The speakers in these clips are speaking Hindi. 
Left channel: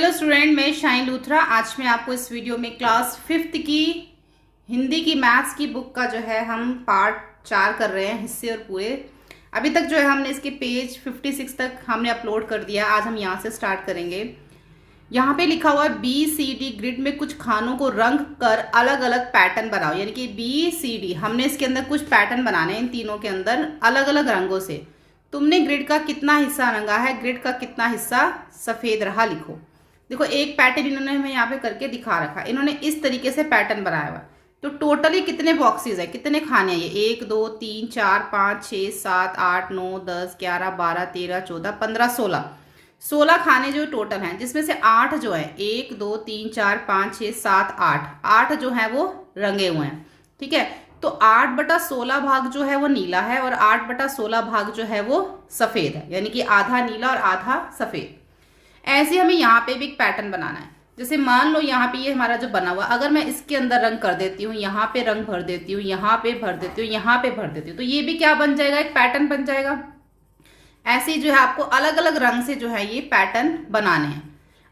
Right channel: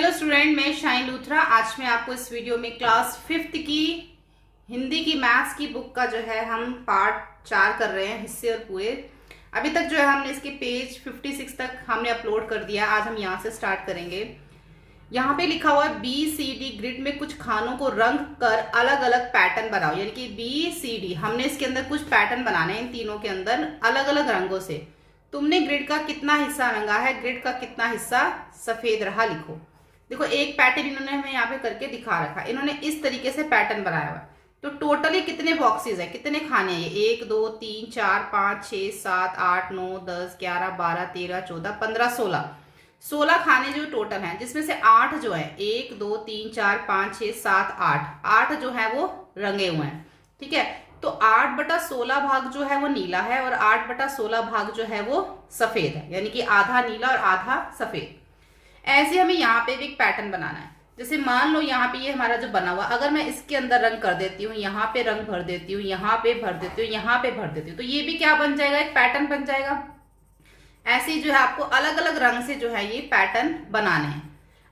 हेलो स्टूडेंट, मैं शाइन लूथरा। आज मैं आपको इस वीडियो में क्लास 5th की हिंदी की मैथ्स की बुक का जो है हम पार्ट 4 कर रहे हैं, हिस्से और पूरे। अभी तक जो है हमने इसके पेज 56 तक हमने अपलोड कर दिया। आज हम यहाँ से स्टार्ट करेंगे। यहाँ पे लिखा हुआ है BCD ग्रिड में कुछ खानों को रंग कर अलग अलग पैटर्न बनाओ। यानी कि BCD हमने इसके अंदर कुछ पैटर्न बनाने हैं, इन तीनों के अंदर अलग अलग रंगों से। तुमने ग्रिड का कितना हिस्सा रंगा है, ग्रिड का कितना हिस्सा सफेद रहा, लिखो। देखो एक पैटर्न इन्होंने हमें यहाँ पे करके दिखा रखा। इन्होंने इस तरीके से पैटर्न बनाया हुआ। तो टोटली कितने बॉक्सेस है, कितने खाने हैं ये? 1 2 3 4 5 6 7 8 9 10 11 12 13 14 15 16 खाने जो टोटल हैं, जिसमें से 8 जो है 1 2 3 4 5 6 7 8 जो है वो रंगे हुए हैं। ठीक है, तो 8/16 भाग जो है वो नीला है और 8/16 भाग जो है वो सफेद है। यानी कि आधा नीला और आधा सफेद। ऐसे हमें यहाँ पे भी एक पैटर्न बनाना है। जैसे मान लो यहाँ पे ये हमारा जो बना हुआ, अगर मैं इसके अंदर रंग कर देती हूँ, यहाँ पे रंग भर देती हूँ, यहाँ पे भर देती हूँ, यहाँ पे भर देती हूँ, तो ये भी क्या बन जाएगा? एक पैटर्न बन जाएगा। ऐसे ही जो है आपको अलग अलग रंग से जो है ये पैटर्न बनाने हैं।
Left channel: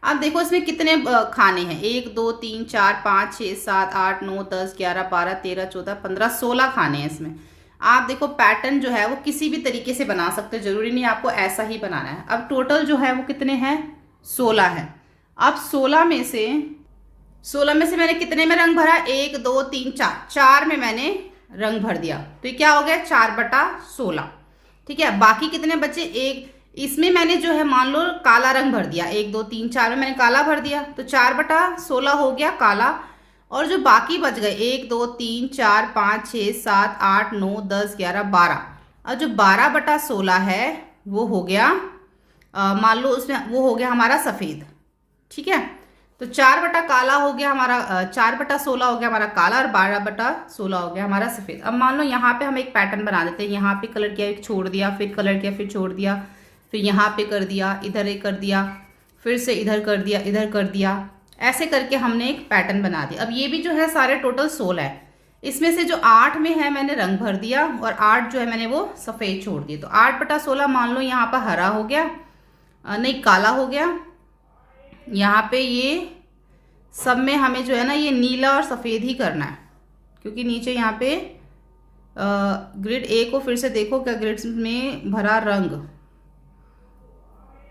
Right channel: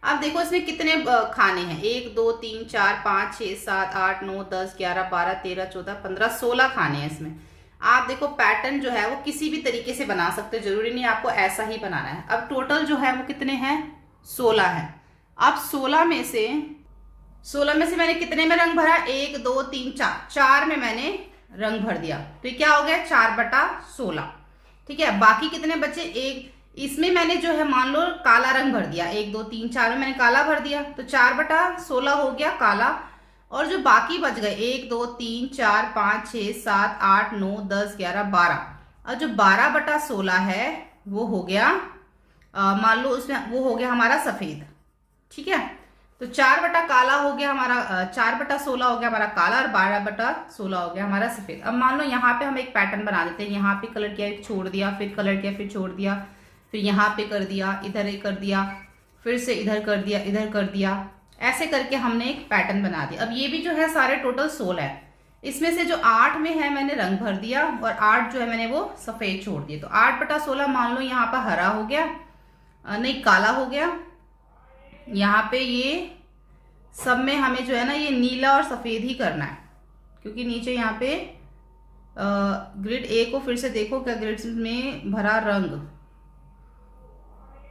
अब देखो इसमें कितने खाने हैं? 1 2 3 4 5 6 7 8 9 10 11 12 13 14 15 16 खाने हैं इसमें। आप देखो पैटर्न जो है वो किसी भी तरीके से बना सकते हो, जरूरी नहीं आपको ऐसा ही बनाना है। अब टोटल जो है वो कितने हैं? 16 है। अब 16 में से मैंने कितने में रंग भरा? 1 2 3 4 में मैंने रंग भर दिया। तो ये क्या हो गया? 4/16। ठीक है, बाकी कितने बचे? एक इसमें मैंने जो है मान लो काला रंग भर दिया। 1 2 3 4 में मैंने काला भर दिया, तो 4/16 हो गया काला। और जो बाकी बच गए 1 2 3 4 5 6 7 8 9 10 11 12, और जो 12/16 है वो हो गया मान लो उसमें वो हो गया हमारा सफेद। ठीक है, तो 4 काला हो गया हमारा, 4/16 हो गया हमारा काला और 12/16 हो गया हमारा सफेद। अब मान लो यहाँ पे हम एक पैटर्न बना देते हैं। यहाँ पे कलर किया, छोड़ दिया, फिर कलर किया, फिर छोड़ दिया, फिर यहाँ पे कर दिया, इधर एक कर दिया, फिर से इधर कर दिया, इधर कर दिया। ऐसे करके हमने एक पैटर्न बना दिया। अब ये भी जो है सारे टोटल 16 है। इसमें से जो 8 में है मैंने रंग भर दिया और 8 जो है मैंने वो सफेद छोड़ दिया। तो 8/16 मान लो यहाँ पर हरा हो गया, नहीं काला हो गया। यहाँ पे ये सब में हमें जो है ना ये नीला और सफेद ही करना है, क्योंकि नीचे यहाँ पे ग्रिड ए को फिर से देखो क्या ग्रिड में भरा रंग।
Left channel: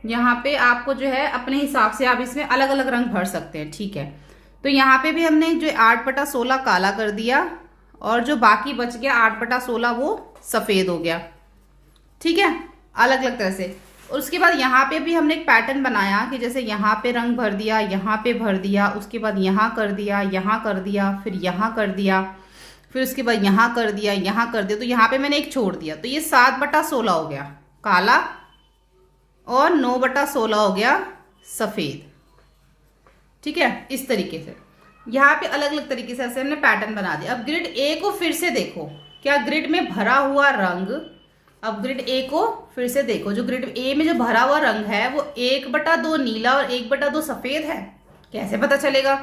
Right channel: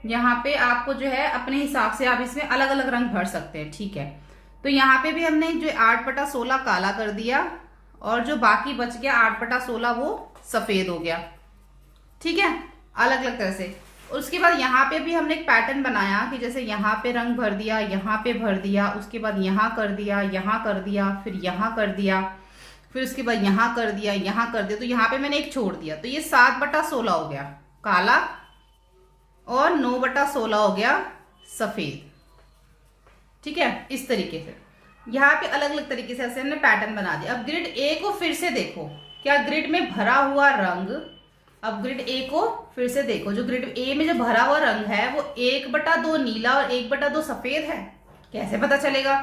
यहाँ पे आपको जो है अपने हिसाब से आप इसमें अलग अलग रंग भर सकते हैं। ठीक है, तो यहाँ पे भी हमने जो 8/16 काला कर दिया और जो बाकी बच गया 8/16 वो सफेद हो गया। ठीक है, अलग अलग तरह से। उसके बाद यहाँ पे भी हमने एक पैटर्न बनाया कि जैसे यहाँ पे रंग भर दिया, यहाँ पे भर दिया, उसके बाद यहाँ कर दिया, यहाँ कर दिया, फिर यहाँ कर दिया, फिर उसके बाद यहाँ कर दिया, यहाँ कर दिया। तो यहाँ पे मैंने एक छोड़ दिया, तो ये 7/16 हो गया काला और 9/16 हो गया सफेद। ठीक है, इस तरीके से यहाँ पे अलग अलग तरीके से ऐसे हमने पैटर्न बना दिया। अब ग्रिड ए को फिर से देखो, क्या ग्रिड में भरा हुआ रंग, अब ग्रिड ए को फिर से देखो, जो ग्रिड ए में जो भरा हुआ रंग है वो 1/2 नीला और 1/2 सफेद है। कैसे पता चलेगा?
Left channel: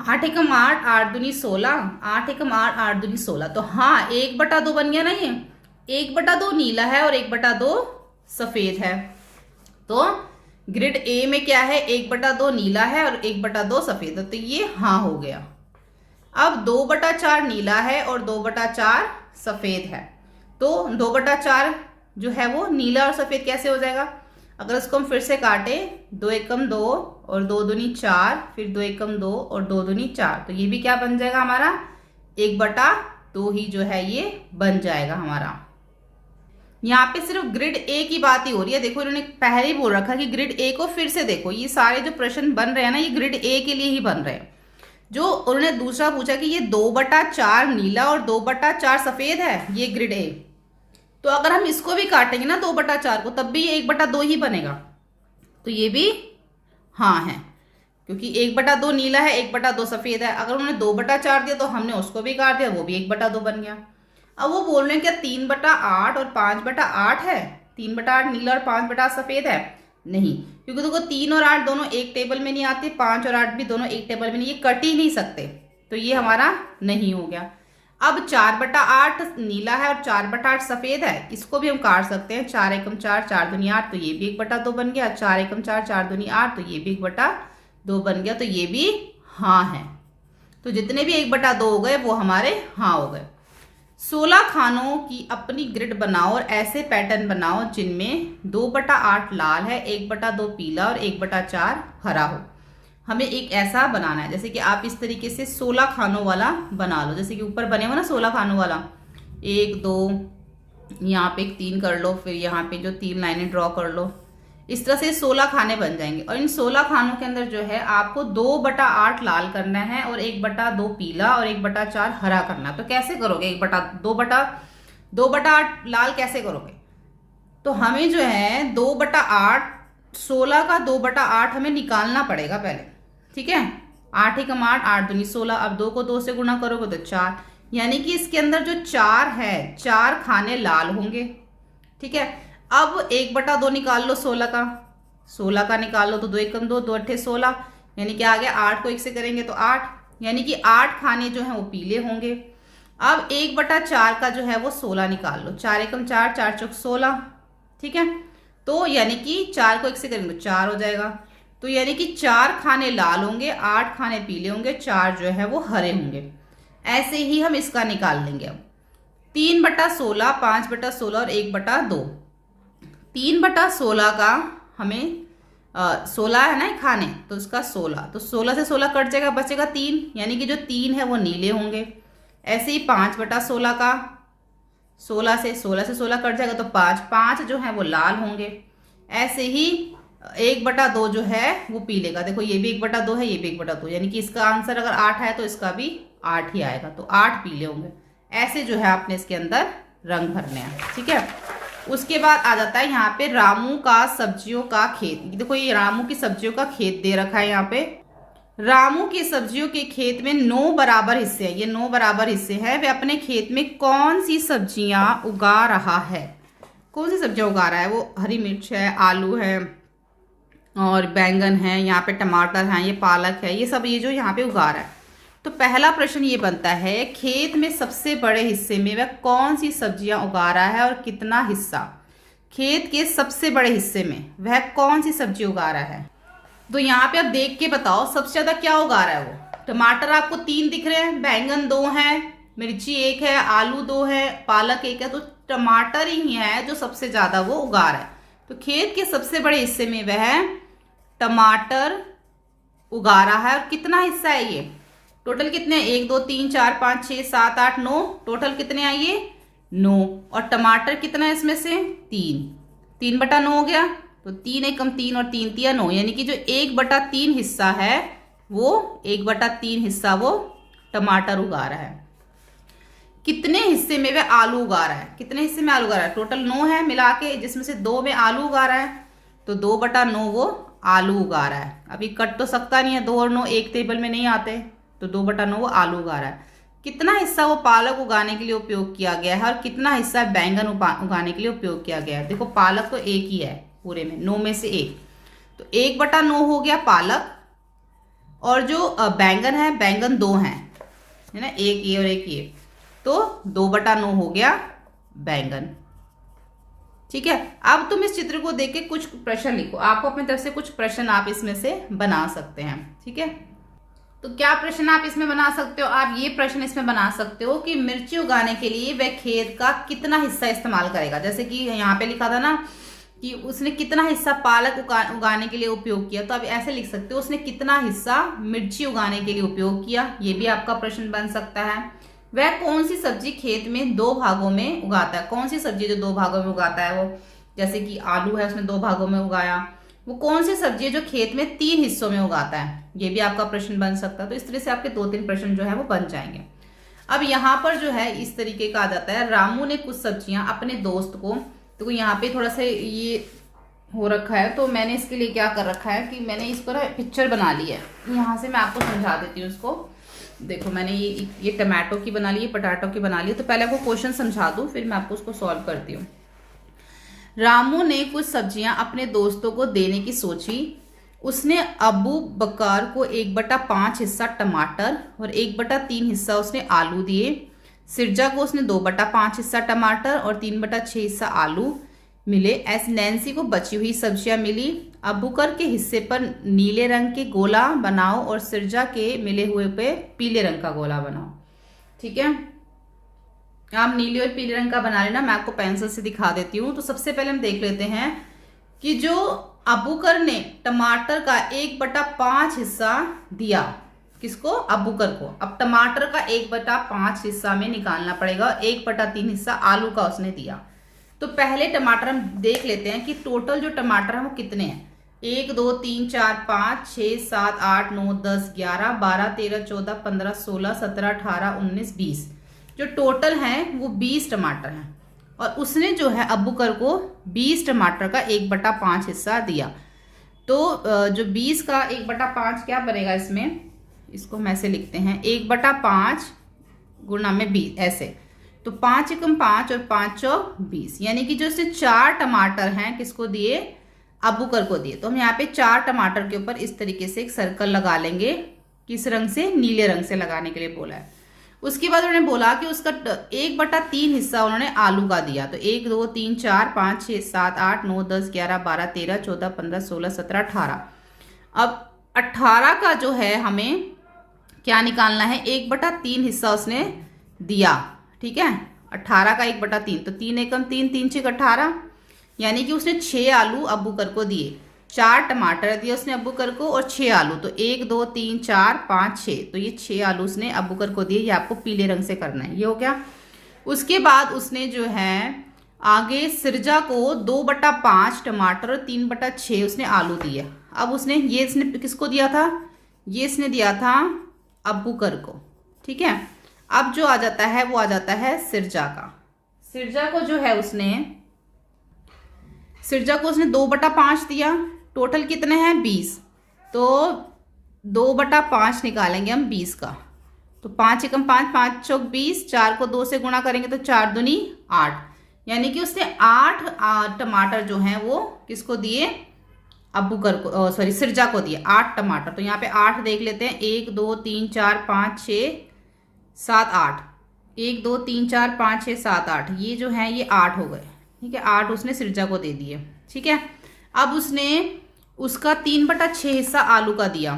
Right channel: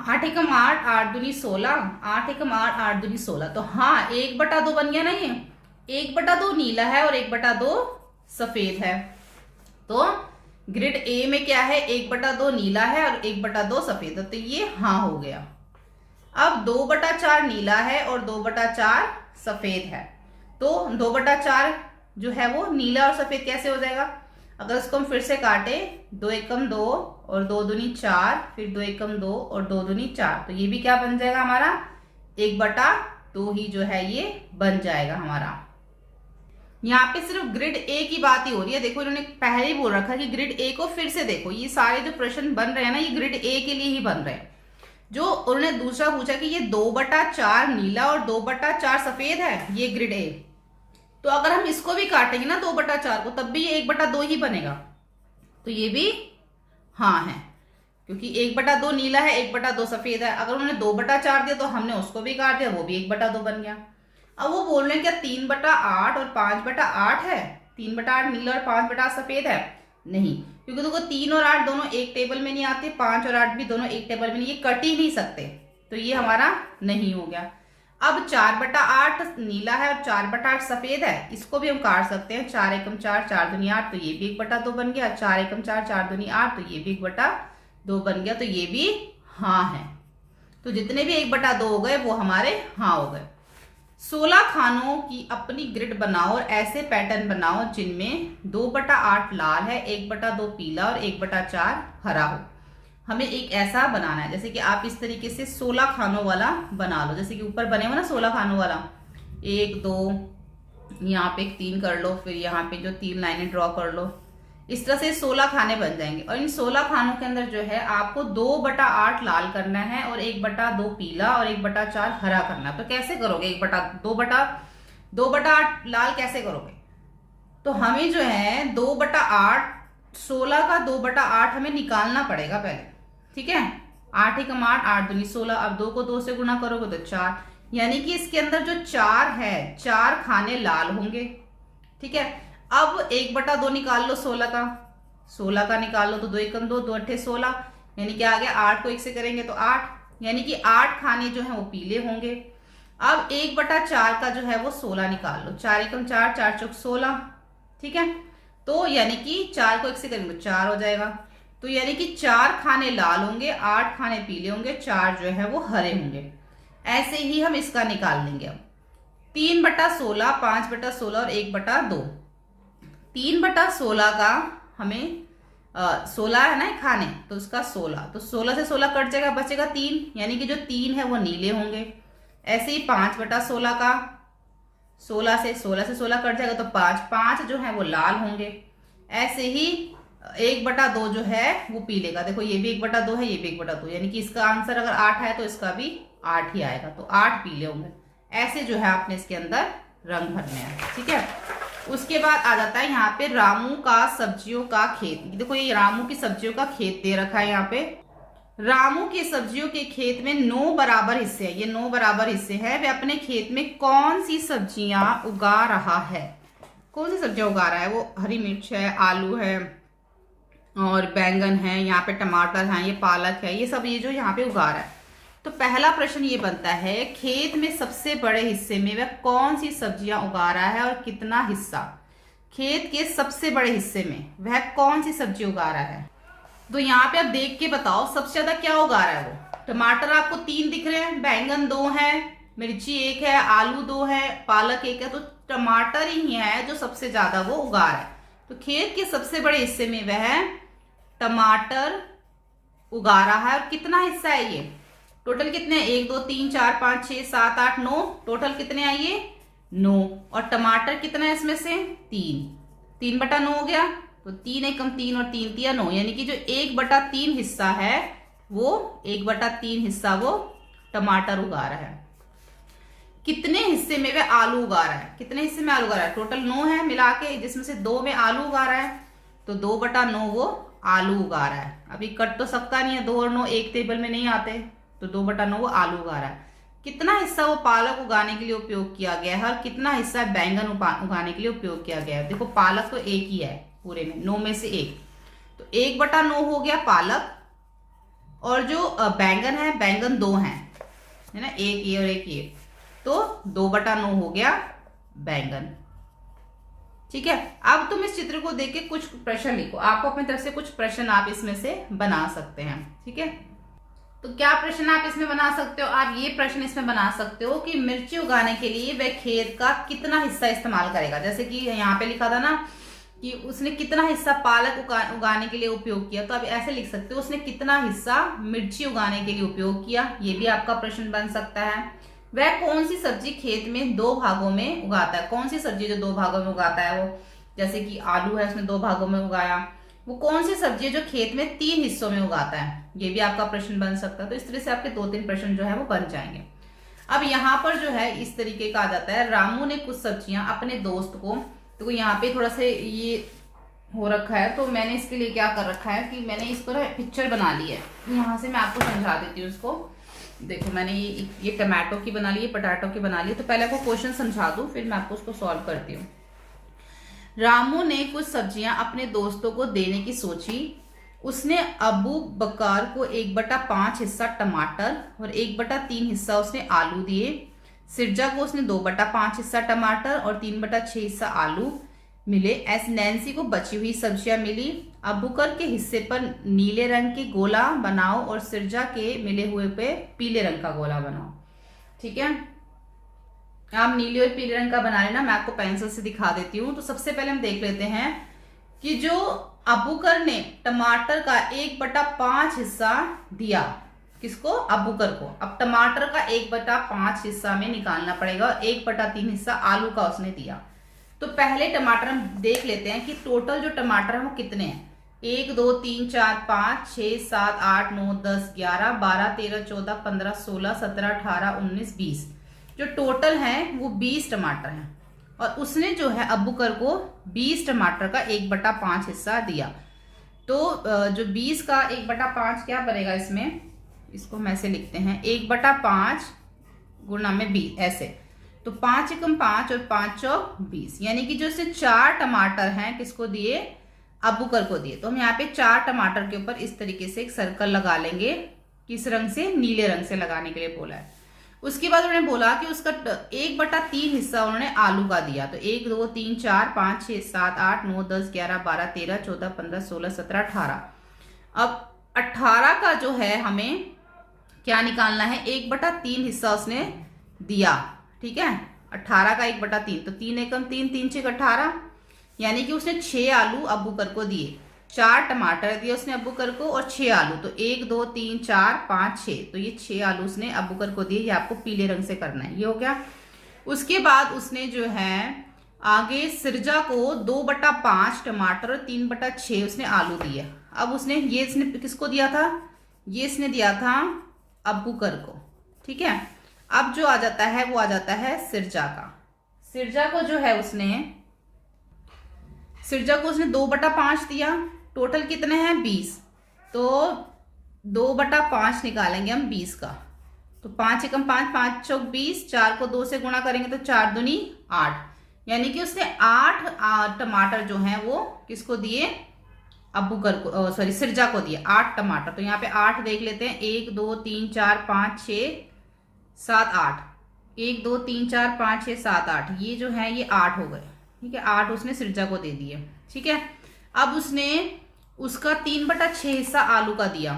8 एकम 8 8 दूनी 16, 8 एकम 8 8 दूनी 16। तो हाँ 1/2 बन गया ना, ये 1/2 नीला है और 1/2 सफेद है। तो ग्रिड ए में क्या है? 1/2 नीला है और 1/2 सफेद है, तो ये हाँ हो गया। अब 2/4 नीला है और 2/4 सफेद है। तो 2/4 जो है वो नीला और सफेद कैसे हो जाएगा? अगर इसको हम फिर से काटे, 2 एकम 2 और 2 दूनी 4, फिर 2 एकम 2 और 2 दूनी 4, तो ये भी क्या बन जाएगा हमारा? 1/2 ही जो है ये बन जाएगा हमारा। यहाँ पे सिर्फ ग्रिड ए की बात ही हो रही है। देखो इन्होंने पहले ही बोल रखा कि ग्रिड ए को फिर से देखो। ये सारे जो प्रश्न बन रहे हैं ना, ये ग्रिड ए के लिए ही बन रहे हैं। जो उन्होंने दूसरा पूछा कि ये 2/4 नीला और 2/4 सफेद है, ये ग्रिड ए। तो अगर हम इसको भी काटेंगे ना 2/4 को, तब भी ये 1/2 ही बनेगा। तो ये भी हाँ है, क्योंकि 1/2 नीला है, 1/2 सफेद है। अगर उन्होंने 2/4 दिया तो हमने उसको भी काट दिया, वो भी 1/2 बन गया। अब वो बोल रहे हैं क्या 3/8 और 5/8 है? 3/8 नीला और 5/8 सफेद है? नहीं, क्योंकि देखो 3 और 8 दोनों एक टेबल में नहीं आते, 5 और 8 भी दोनों एक टेबल में नहीं, ये कट ही नहीं सकते। तो ये हमारा नहीं हो गया। अब 4/8 नीला है और 4/8 सफेद है, इसको भी हम काट सकते हैं। 4 एकम 4 4 दूनी 8, तो ये भी 1/2 बन गया। 4 एकम 4 4 दूनी 8, तो ये भी 1/2 2 बन गया, तो ये भी हाँ है। तो जितने भी 1/2 हो गए वो हमारे हाँ हो गए। 16 खानों की अपनी ग्रिड बनाओ और ऐसे पैटर्न बनाओ जिनमें 2/8 लाल है, 1/2 पीला और 1/4 हरा हो। हमें एक ऐसा बनाना है, जैसे कि आप इस तरीके से 16 खानों वाला बना लो, जैसे कि ऊपर बने हो ना 16 खानों वाला, 1 2, यहाँ पे 3 कर लो, फिर यहाँ पे जो 3 लाइनें ड्रॉ कर लो। इस तरह से 16 खाने बन जाएंगे और इन 16 खानों के अंदर जो है आपको 2/8 लाल करना है और 1/2 पीला और 1/4 हरा करना है। तो कैसे करोगे? 2/8 लाल कैसे करोगे? तो हमें जो है 2/8, 16 का 2/8 हमें निकालना पड़ेगा पहले, ठीक है। 8 एकम 8, 8 दूनी 16। अब 2 को 2 से गुणा करोगे तो 4, यानी कि इसके अंदर जो 4 है, 4 खाने लाल होंगे, ठीक है। अब 1/2 निकाल लो 16 का, 16 का निकाल लो तो 2 एकम 2, 2 अट्ठे 16, यानी कि आ गया 8 को 1 से करेंगे तो 8, यानी कि 8 खाने जो है वो पीले होंगे। अब 1/4 का जो है वो 16 निकाल लो, 4 एकम 4, 4 चौक 16, ठीक है। तो यानी कि 4 को 1 से करेंगे तो 4 हो जाएगा। तो यानी कि 4 खाने लाल होंगे, 8 खाने पीले होंगे, 4 जो है वो हरे होंगे। ऐसे ही हम इसका निकाल लेंगे। अब 3/16, 5/16 और 1/2। 3/16 का हमें 16 है ना खाने, तो उसका 16, तो 16 से 16 कट जाएगा, बचेगा 3, यानी कि जो 3 है वो नीले होंगे। ऐसे ही 5/16 का 16 से 16 कट जाएगा तो 5, 5 जो है वो लाल होंगे। ऐसे ही 1/2 जो है वो पीले का, देखो ये भी 1/2 है, ये भी 1/2, यानी कि इसका आंसर अगर 8 है तो इसका भी 8 ही आएगा, तो 8 पीले होंगे। ऐसे जो है आपने इसके अंदर रंग भरने हैं, ठीक है। उसके बाद आ जाता है यहाँ पे रामू का सब्जियों का खेत। देखो ये रामू की सब्जियों का खेत दे रखा है यहाँ पे। रामू की सब्जियों के खेत में 9 बराबर हिस्से हैं, ये 9 बराबर हिस्से हैं। वे अपने खेत में कौन सी सब्जियां उगा रहा है? कौन सी सब्जियां उगा रहा है वो? हरी मिर्च है, आलू है और बैंगन है, यहाँ पे टमाटर है, ये पालक है, ये सब ये जो यहाँ पे उगा रहा है। तो पहला प्रश्न ये बनता है, खेत में सबसे बड़े हिस्से में वह कौन सी सब्जियां उगा रहा है और कितना हिस्सा? खेत के सबसे बड़े हिस्से में वह कौन सी सब्जी उगा रहा है? तो यहाँ पे आप देख के बताओ सबसे ज्यादा क्या उगा रहा है वो? टमाटर आपको 3 दिख रहे हैं, बैंगन 2 है, मिर्ची 1 है, आलू 2 है, पालक 1 है, तो टमाटर ही है जो सबसे ज्यादा वो उगा रहा है। तो खेत के सबसे बड़े हिस्से में वह टमाटर उगा रहा है। और कितना हिस्सा है ये? टोटल कितने? 1 2 3 4 5 6 7 8 9, टोटल कितने आए ये? 9। और टमाटर कितना है इसमें से? 3, 3/9 हो गया, तो 3 एकम 3 और 3 तिया 9, यानी कि जो 1/3 हिस्सा है वो 1/3 हिस्सा वो टमाटर उगा रहा है। कितने हिस्से में वह आलू उगा रहा है? कितने हिस्से में आलू उगा रहा है? टोटल 9 है मिला के, जिसमें से 2 में आलू उगा रहा है, तो 2/9 वो आलू उगा रहा है। अभी कट तो सकता नहीं है, 2 और 9 एक टेबल में नहीं आते, तो 2/9 वो आलू उगा रहा है। कितना हिस्सा वो पालक उगाने के लिए उपयोग किया गया है और कितना हिस्सा बैंगन उगाने के लिए उपयोग किया गया है? देखो पालक तो एक ही है पूरे में, 9 में से 1, तो 1/9 हो गया पालक। और जो बैंगन है, बैंगन 2 है ना, एक ये और एक ये, तो 2/9 हो गया बैंगन, ठीक है। अब तुम इस चित्र को देख के कुछ प्रश्न लिखो, आपको अपनी तरफ से कुछ प्रश्न आप इसमें से बना सकते हैं, ठीक है। तो क्या प्रश्न आप इसमें बना सकते हो? आप ये प्रश्न इसमें बना सकते हो कि मिर्ची उगाने के लिए वह खेत का कितना हिस्सा इस्तेमाल करेगा। जैसे कि यहाँ पे लिखा था ना कि उसने कितना हिस्सा पालक उगाने के लिए उपयोग किया, तो आप ऐसे लिख सकते हो उसने कितना हिस्सा मिर्ची उगाने के लिए उपयोग किया। ये भी आपका प्रश्न बन सकता है। वह कौन सी सब्जी खेत में 2 भागों में उगाता है? कौन सी सब्जी जो 2 भागों में उगाता है वो? जैसे कि आलू है, उसने 2 भागों में उगाया। वो कौन सी सब्जी है जो खेत में 3 हिस्सों में उगाता है? ये भी आपका प्रश्न बन सकता है। तो इस तरह से आपके 2-3 प्रश्न जो है वो बन जाएंगे। अब यहाँ पर जो है इस तरीके का आ जाता है, रामू ने कुछ सब्जियां अपने दोस्त को, तो यहाँ पे थोड़ा सा ये हो रखा है, तो मैंने इसके लिए क्या कर रखा है कि मैंने इस पर पिक्चर बना ली है। यहाँ से मैं आपको समझा देती हूँ उसको। देखो मैंने ये टमाटो की बना ली है, पोटैटो की बना ली है। तो पहले आपको क्वेश्चन समझा दूं, फिर मैं आपको उसको सॉल्व करती हूँ। रामू ने कुछ सब्जियां अपने दोस्तों को देने की सोची। उसने अबू बकर को 1/5 हिस्सा टमाटर और 1/3 हिस्सा उसने आलू दिए। सिरजा को उसने 2/5 हिस्सा टमाटर और 3/6 हिस्सा आलू, मिले। ऐसे नैन्सी को बची हुई सब्जियां मिली। अबूकर के हिस्से पर नीले रंग के गोला बनाओ और सिरजा के मिले हुए पे पीले रंग का गोला बनाओ। ठीक है, आप नीले और पीले रंग का बना लेना, मैं आपको पेंसिल से दिखा देती हूँ। तो सबसे पहले हम देख लेते हैं कि जो अबूकर ने टमाटर का 1/5 हिस्सा दिया, किसको? अबूकर को। अब टमाटर का 1/5 हिस्सा में निकालना पड़ेगा, 1/3 हिस्सा आलू का उसने दिया। तो पहले टमाटर हम देख लेते हैं कि टोटल जो टमाटर है वो कितने हैं। 1 2 3 4 5 6 7 8 9 10 11 12 13 14 15 16 17 18 19 20, जो टोटल है वो 20 टमाटर हैं। और उसने जो है अबूकर को 20 टमाटर का 1/5 हिस्सा दिया। तो जो 20 का 1/5 क्या बनेगा इसमें, इसको हम ऐसे लिखते हैं 1/5 गुणा में 20 ऐसे। तो 5 एकम 5 और 5 चौक 20, यानी कि जो इसने 4 टमाटर हैं किसको दिए? अबूकर को दिए। तो हम यहाँ पे 4 टमाटर के ऊपर इस तरीके से एक सर्कल लगा लेंगे। किस रंग से? नीले रंग से लगाने के लिए बोला है। उसके बाद उन्होंने बोला कि उसका 1/3 हिस्सा उन्होंने आलू का दिया। तो 1 2 3 4 5 6 7 8 9 10 11 12 13 14 15 16 17 18। अब 18 का जो है हमें क्या निकालना है? 1/3 हिस्सा उसने दिया। ठीक है, 18 का 1/3, तो 3 एकम 3 3 6 18, यानी कि उसने 6 आलू अबूकर को दिए। 4 टमाटर दिए उसने अबूकर को और 6 आलू। तो 1 2 3 4 5 6, तो ये 6 आलू उसने अबूकर को दिए। ये आपको पीले रंग से करना है, ये हो गया। उसके बाद उसने जो है आगे सिरजा को 2/5 टमाटर और 3/6 उसने आलू दिए। अब उसने ये इसने किसको दिया था? ये इसने दिया था अबूकर को। ठीक है, अब जो आ जाता है वो आ जाता है सिरजा का। सिरजा को जो है उसने 2/5 दिया। टोटल कितने हैं? 20। तो 2/5 निकालेंगे हम 20 का। तो 5 एकम 5 5 चौक 20, 4 को 2 से गुणा करेंगे तो 4 दूनी 8, यानी कि उसने 8 टमाटर जो हैं वो किसको दिए? अबूकर को, सॉरी सिरजा को दिए 8 टमाटर। तो यहाँ पे 8 देख लेते हैं, 1 2 3 4 5 6 7 8, 1 2 3 4 5 6 7 8, ये जो है ये 8 हो गए। ठीक है, 8 उसने सिरजा को दे दिए। ठीक है, अब उसने उसका 3/6 हिस्सा आलू का दिया।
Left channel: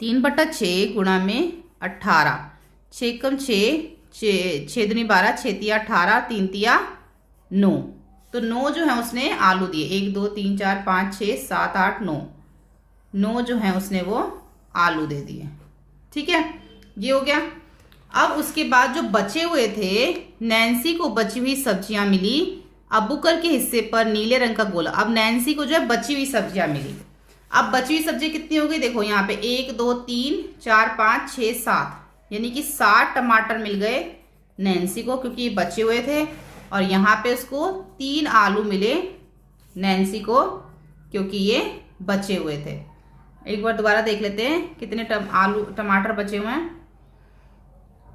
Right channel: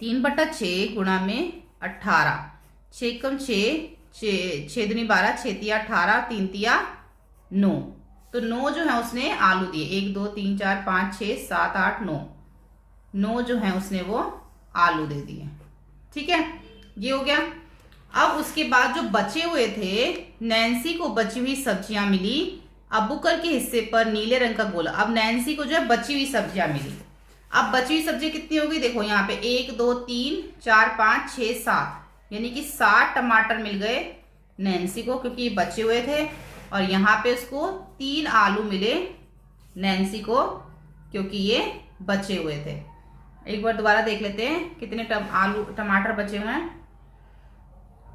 3/6 गुणा में 18, 6 एकम 6 6 दूनी 12, 6 तिया 18, 3 तिया 9। तो 9 जो है उसने आलू दिए। 1 2 3 4 5 6 7 8 9, 9 जो है उसने वो आलू दे दिए। ठीक है, ये हो गया। अब उसके बाद जो बचे हुए थे, नैन्सी को बची हुई सब्जियां मिली। अबूकर के हिस्से पर नीले रंग का गोला। अब नैन्सी को जो है बची हुई सब्जियां मिली। अब बची हुई सब्जी कितनी होगी? देखो यहाँ पे 1 2 3 4 5 6 7, यानी कि 7 टमाटर मिल गए नैन्सी को, क्योंकि ये बचे हुए थे। और यहाँ पे उसको 3 आलू मिले नैन्सी को, क्योंकि ये बचे हुए थे। एक बार दोबारा देख लेते हैं कितने टमाटर बचे हुए हैं।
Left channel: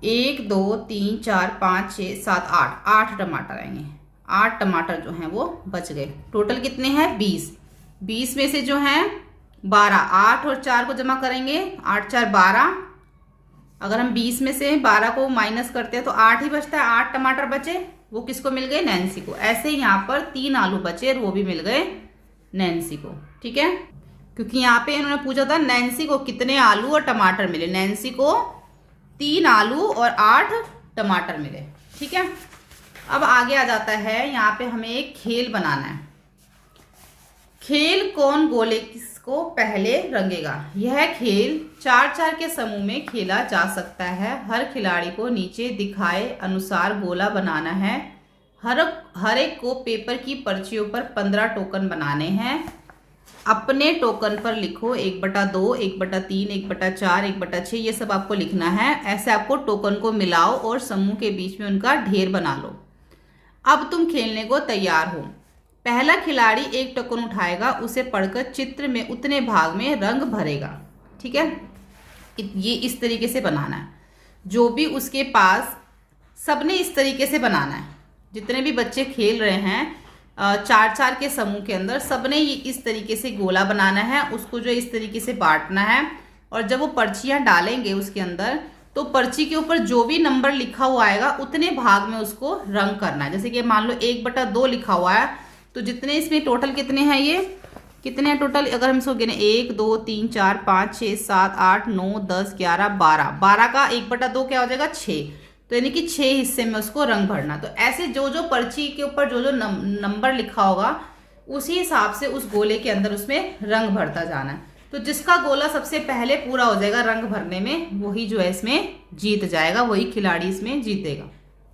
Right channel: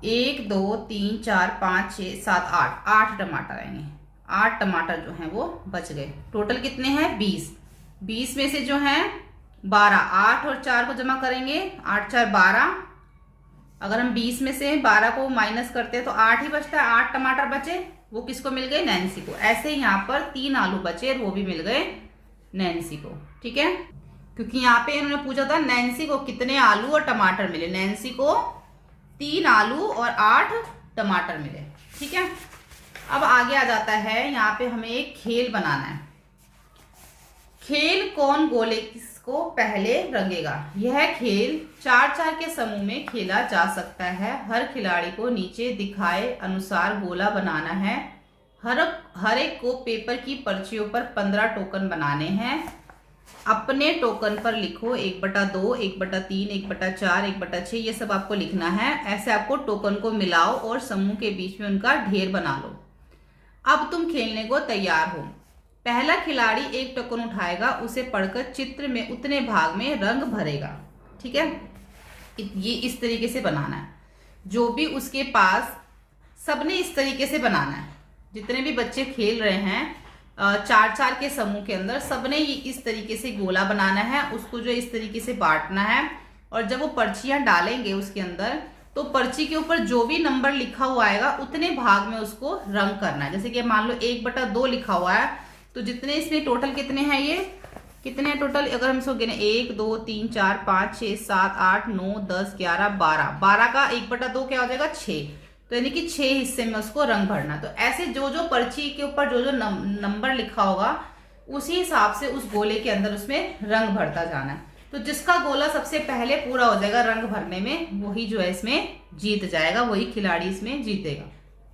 1 2 3 4 5 6 7 8, 8 टमाटर आएंगे। 8 टमाटर जो हैं वो बच गए। टोटल कितने हैं? 20। 20 में से जो हैं 12, 8 और 4 को जमा करेंगे, 8 4 12। अगर हम 20 में से 12 को माइनस करते हैं तो 8 ही बचता है। 8 टमाटर बचे, वो किसको मिल गए? नैन्सी को। ऐसे ही यहाँ पर 3 आलू बचे और वो भी मिल गए नैन्सी को। ठीक है, क्योंकि यहाँ पे इन्होंने पूछा था नैन्सी को कितने आलू और टमाटर मिले। नैन्सी को 3 आलू और 8 टमाटर मिले। ठीक है, अब आगे आ जाता है, यहाँ पे हमें एक खेल बनाना है। खेल कौन गोले किसको पहले रंगेगा। यह खेल 4-4 के समूह में खेला जा सकता है। हर खिलाड़ी को नीचे दिखाए अनुसार गोला बनाना है। हर एक को पेपर की पर्चियों पर 15 टोकन बनाने हैं। अपने टोकन पर लिखो 1/2, 1/3, 1/4, 1/6, ये सब आपको लिखना है। ऐसे आपको टोकन को मिलाओ और समूह के बीच में उनका ढेर बना लो। अब तुम खेलने को तैयार हो। पहला खिलाड़ी एक टोकन उठाएगा, उसे पढ़कर चित्र में उतने भाग में रंग भरेगा। ठीक है, ये इस तरीके से बनाना है। जो भी उसके पास, सबने इस तरीके से बनाना है। जितने भी बच्चे खेल रहे हैं 4-4 के समूह के अंदर, सबने इस तरीके से गोला बनाना है। उसको जो इस तरीके से बांटना है और जब वो पर्चियां डालेंगे उसके अंदर, तो पर्ची के ऊपर जो भी नंबर लिखा हुआ आएगा उतने भाग में उसको रंग करना है। जैसे कि मान लो 1/2 लिखा हुआ है, तो जितने इसमें टोटल कितने हैं, ये कितने हैं टोटल, अगर हम इसको गिने 1 2 3 4 5 6 7 8 9 10 11 12, 12 का 1/2 क्या हो जाएगा 6, तो यानी कि 6 हिस्से में उसको रंग भरना। तो ऐसे जो जो पर्ची के ऊपर जो जो नंबर लिखा होगा उसी हिसाब से उस गोले के अंदर उसमें रंग भरता जाना है। तो जिसका गोला सबसे पहले पूरा हो जाएगा रंग भरने में, वही जो है इसमें जीत जाएगा, वही खिलाड़ी इसमें जीतेगा।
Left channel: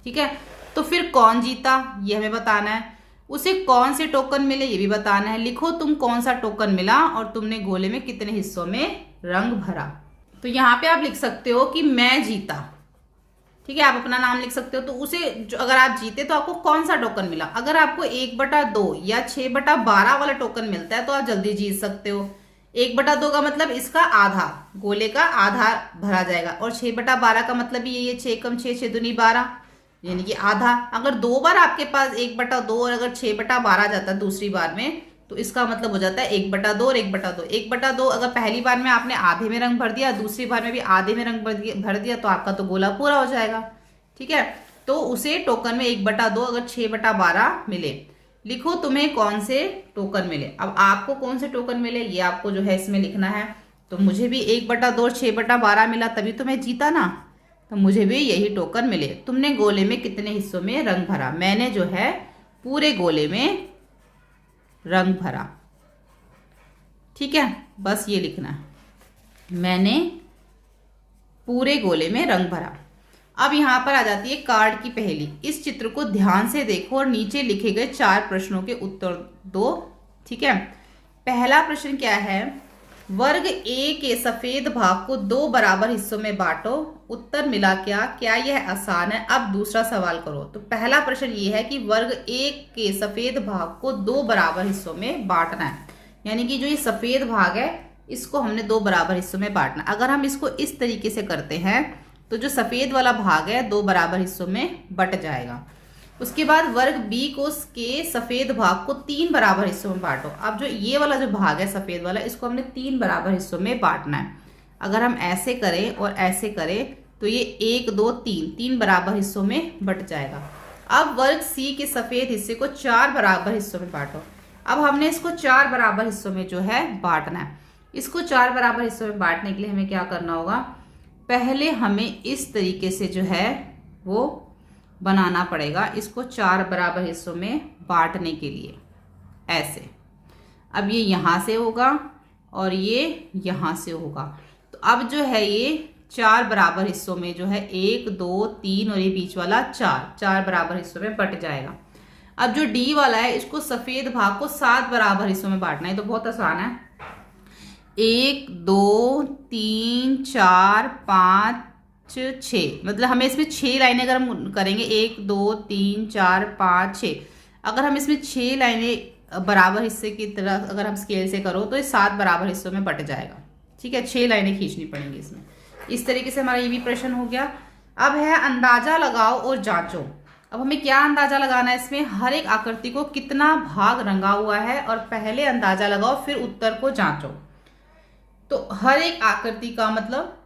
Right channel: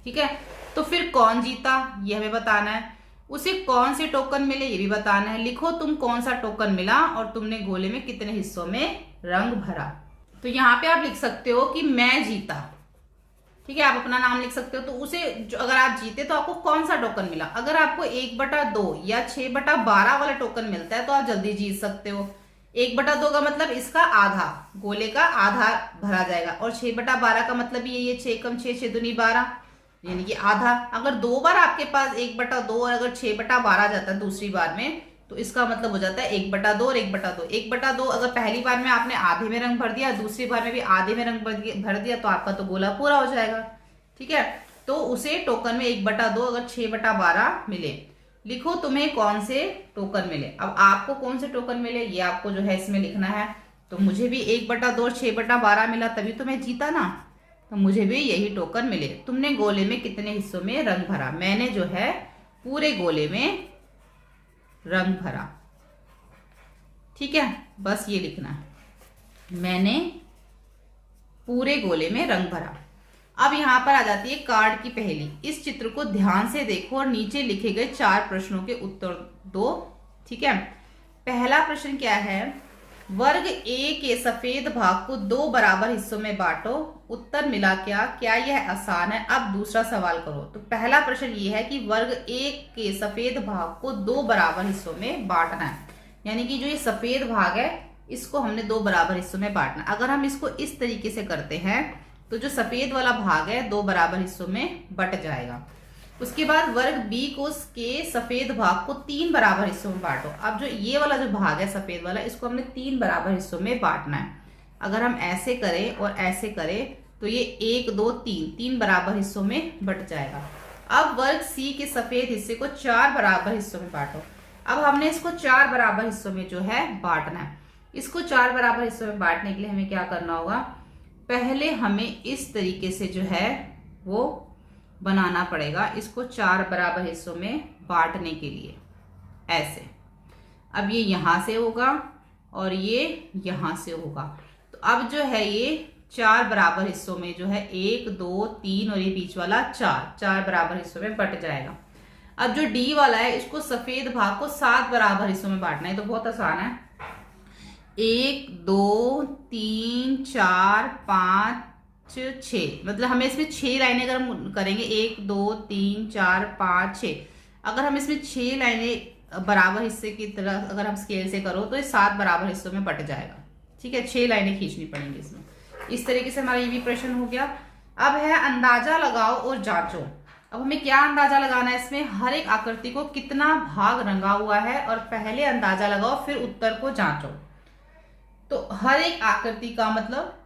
ठीक है, तो फिर कौन जीता ये हमें बताना है, उसे कौन से टोकन मिले ये भी बताना है। लिखो तुम कौन सा टोकन मिला और तुमने गोले में कितने हिस्सों में रंग भरा। तो यहाँ पे आप लिख सकते हो कि मैं जीता, ठीक है, आप अपना नाम लिख सकते हो। तो उसे अगर आप जीते तो आपको कौन सा टोकन मिला। अगर आपको 1/2 या 6/12 वाला टोकन मिलता है तो आप जल्दी जीत सकते हो। 1/2 का मतलब इसका आधा, गोले का आधा भरा जाएगा, और 6/12 का मतलब ये 6 कम 6 6 दूनी 12, यानी कि आधा। अगर 2 बार आपके पास 1/2 और अगर 6/12 जाता है दूसरी बार में, तो इसका मतलब हो जाता है 1/2 और 1/2। 1/2 अगर पहली बार में आपने आधे में रंग भर दिया, दूसरी बार में भी आधे में रंग भर दिया, तो आपका तो गोला पूरा हो जाएगा। ठीक है, तो उसे टोकन में 1/2 अगर 6/12 मिले। लिखो तुम्हें कौन से टोकन मिले। अब आपको कौन से टोकन मिले ये आपको जो है इसमें लिखना है। तो मुझे भी 1/2 6/12 मिला, तभी तो मैं जीता ना, तो मुझे भी यही टोकन मिले। तुमने गोले में कितने हिस्सों में रंग भरा, मैंने जो है पूरे गोले में रंग भरा। ठीक है, बस ये लिखना है, मैंने पूरे गोले में रंग भरा। अब यहां पर आ जाती है कार्ड की पहेली। इस चित्र को ध्यान से देखो और नीचे लिखे गए 4 प्रश्नों के उत्तर दो। ठीक है, पहला प्रश्न क्या है, वर्ग ए के सफेद भाग को 2 बराबर हिस्सों में बांटो, उत्तर मिला क्या, क्या यह आसान है। अब दूसरा सवाल करो। तो पहला प्रश्न ये है कि वर्ग ए के सफेद भाग को 2 बराबर हिस्सों में बांटना है, यानी कि जो ये सफेद भाग है इसको हमने 2 बराबर हिस्सों में बांटना। अगर हम इसको इस तरीके से करते हैं तो जो सफेद वाला भाग है 2 बराबर हिस्सों में बट जाएगा। उसके बाद वर्ग बी को के सफेद भाग को 3 बराबर हिस्सों में बांटो। अब जो ये वाला जो भाग है सफेद वाला, इसको हमने 3 बराबर हिस्सों में बांटना है। अगर हम ऐसे करें और ऐसे करें तो ये 1 2 3 बराबर हिस्सों में बट जाएगा। अब वर्ग सी के सफेद हिस्से को 4 बराबर हिस्सों में बांटो। अब हमने इसको 4 बराबर हिस्सों में जो है बांटना है। इसको 4 बराबर हिस्सों में बांटने के लिए हमें क्या करना होगा, पहले हमें इस तरीके से जो है वो बनाना पड़ेगा। इसको 4 बराबर हिस्सों में बांटने के लिए ऐसे, अब ये यहां से होगा और ये यहां से होगा। तो अब जो है ये 4 बराबर हिस्सों में जो है 1 2 3 और ये बीच वाला 4 बराबर हिस्सों में बट जाएगा। अब जो डी वाला है इसको सफेद भाग को 7 बराबर हिस्सों में बांटना है। तो बहुत आसान है, 1 2 3 4 5 6, मतलब हमें इसमें 6 लाइनें अगर हम करेंगे 1 2 3 4 5 6, अगर हम इसमें 6 लाइनें बराबर हिस्से की तरह अगर हम स्केल से करो तो ये 7 बराबर हिस्सों में बट जाएगा। ठीक है, 6 लाइनें खींचनी पड़ेंगी इसमें। इस तरीके से हमारा ये भी प्रश्न हो गया। अब है अंदाजा लगाओ और जांचो। अब हमें क्या अंदाजा लगाना है, इसमें हर एक आकृति को कितना भाग रंगा हुआ है, और पहले अंदाजा लगाओ फिर उत्तर को जांचो। तो हर एक आकृति का मतलब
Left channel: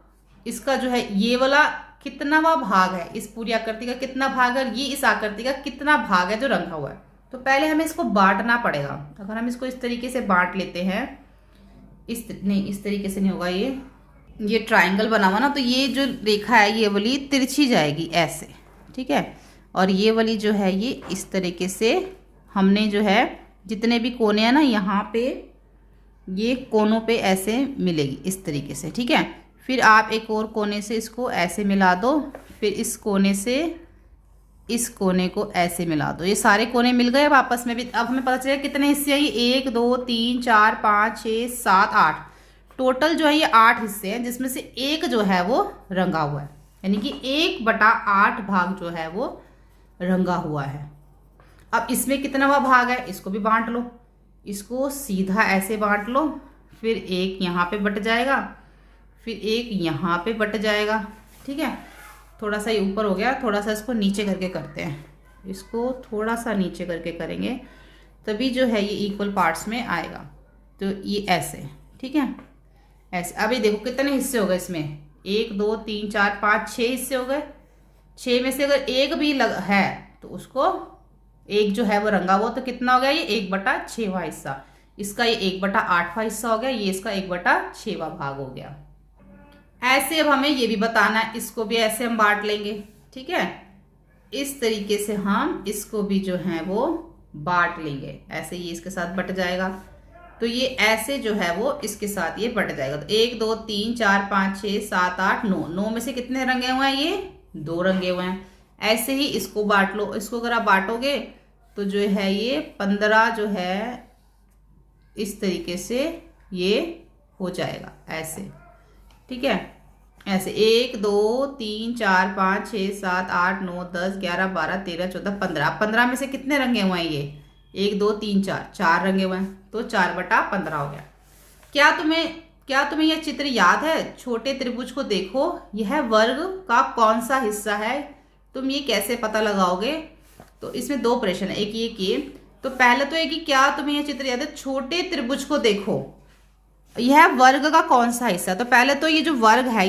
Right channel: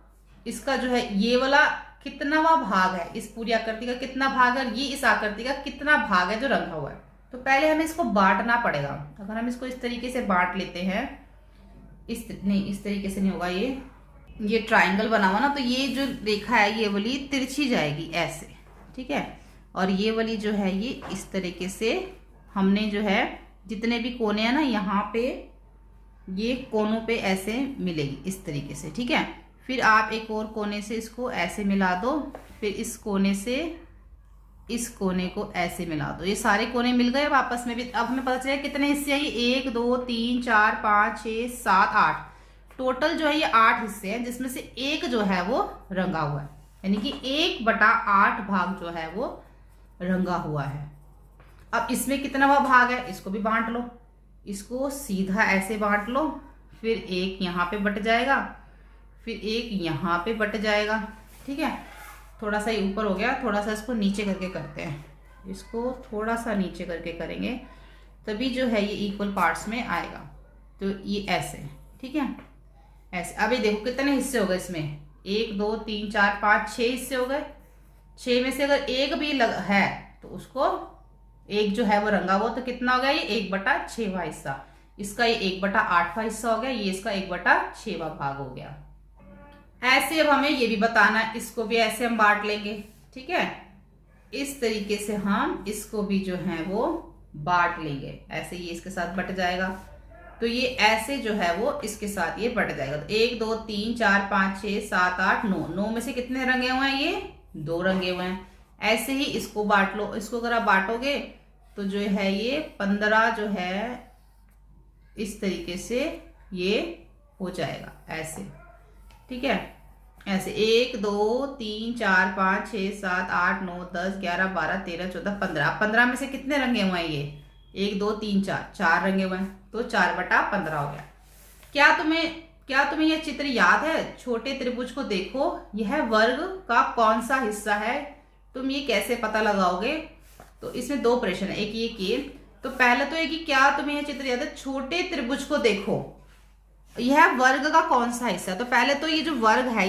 इसका जो है ये वाला कितनावा भाग है, इस पूरी आकृति का कितना भाग है, और ये इस आकृति का कितना भाग है जो रंगा हुआ है। तो पहले हमें इसको बांटना पड़ेगा। अगर हम इसको इस तरीके से बांट लेते हैं, इस तरीके से नहीं होगा, ये ट्राइंगल बना हुआ ना, तो ये जो रेखा है ये वाली तिरछी जाएगी ऐसे। ठीक है, और ये वाली जो है ये इस तरीके से हमने जो है जितने भी कोने हैं ना यहाँ पे, ये कोनों पे ऐसे मिलेगी इस तरीके से। ठीक है, फिर आप एक और कोने से इसको ऐसे मिला दो, फिर इस कोने से इस कोने को ऐसे मिला दो। ये सारे कोने मिल गए अब आपस में भी। अब हमें पता चलेगा कितने हिस्से हैं, ये 1 2 3 4 5 6 7 8, टोटल जो है ये 8 हिस्से हैं, जिसमें से एक जो है वो रंगा हुआ है, यानी कि 1/8 भाग जो है वो रंगा हुआ है। अब इसमें कितना भाग है इसको भी बांट लो। इसको सीधा ऐसे बांट लो, फिर एक यहाँ पे बट जाएगा, फिर एक यहाँ पे बट जाएगा। ठीक है, थोड़ा सा ये ऊपर हो गया, थोड़ा सा इसको नीचे करके करते हैं। इसको थोड़ा सा नीचे करके करेंगे तभी जो है ये इक्वल पार्ट्स में आएगा। तो ये ऐसे, ठीक है, ऐसे। अभी देखो कितने हिस्से हो गए इसमें, 1 2 3 4 5 6 हिस्से हो गए। 6 में से अगर एक भी है तो उसको एक जो है वो रंगा हुआ, तो कितना हो गया ये 1/6वां हिस्सा। इसका ये 1/8वां हिस्सा हो गया, ये इसका 1/6वां भाग हो गया। ऐसे अब हमें ये भी बताना है, इसको भी ऐसे हम बांट लेंगे। ठीक है, इस तरीके से हम इसको भी जो है वो बांट लेंगे। ऐसे ये इसके साथ बट जाएगा, तो ये ऐसे जो है वो इसके साथ ये बट जाएगा। तो 1 2 3 4 5 6 7 8 9, 9 में से कितने रंगे हुए हैं, ये 2 रंगे हुए हैं। ऐसे ही इसको बांट लो। इसको अगर आप बांटोगे तो जो है ये 15 जो है इस तरीके से ये हो जाएगा ऐसे। ठीक है, ऐसे 1 2 3 4 5 6 7 8 9 10 11 12 13 14 15। 15 में से कितने रंगे हुए हैं, ये 1 2 3 4, 4 रंगे हुए हैं, तो 4/15 हो गया। क्या तुम्हें यह चित्र याद है? छोटे त्रिभुज को देखो, यह वर्ग का कौन सा हिस्सा है, तुम ये कैसे पता लगाओगे? तो इसमें 2 प्रश्न है, एक ये कि तो पहले तो है कि क्या तुम्हें यह चित्र याद है? छोटे त्रिभुज को देखो, यह वर्ग का कौन सा हिस्सा। तो पहले तो ये जो वर्ग है,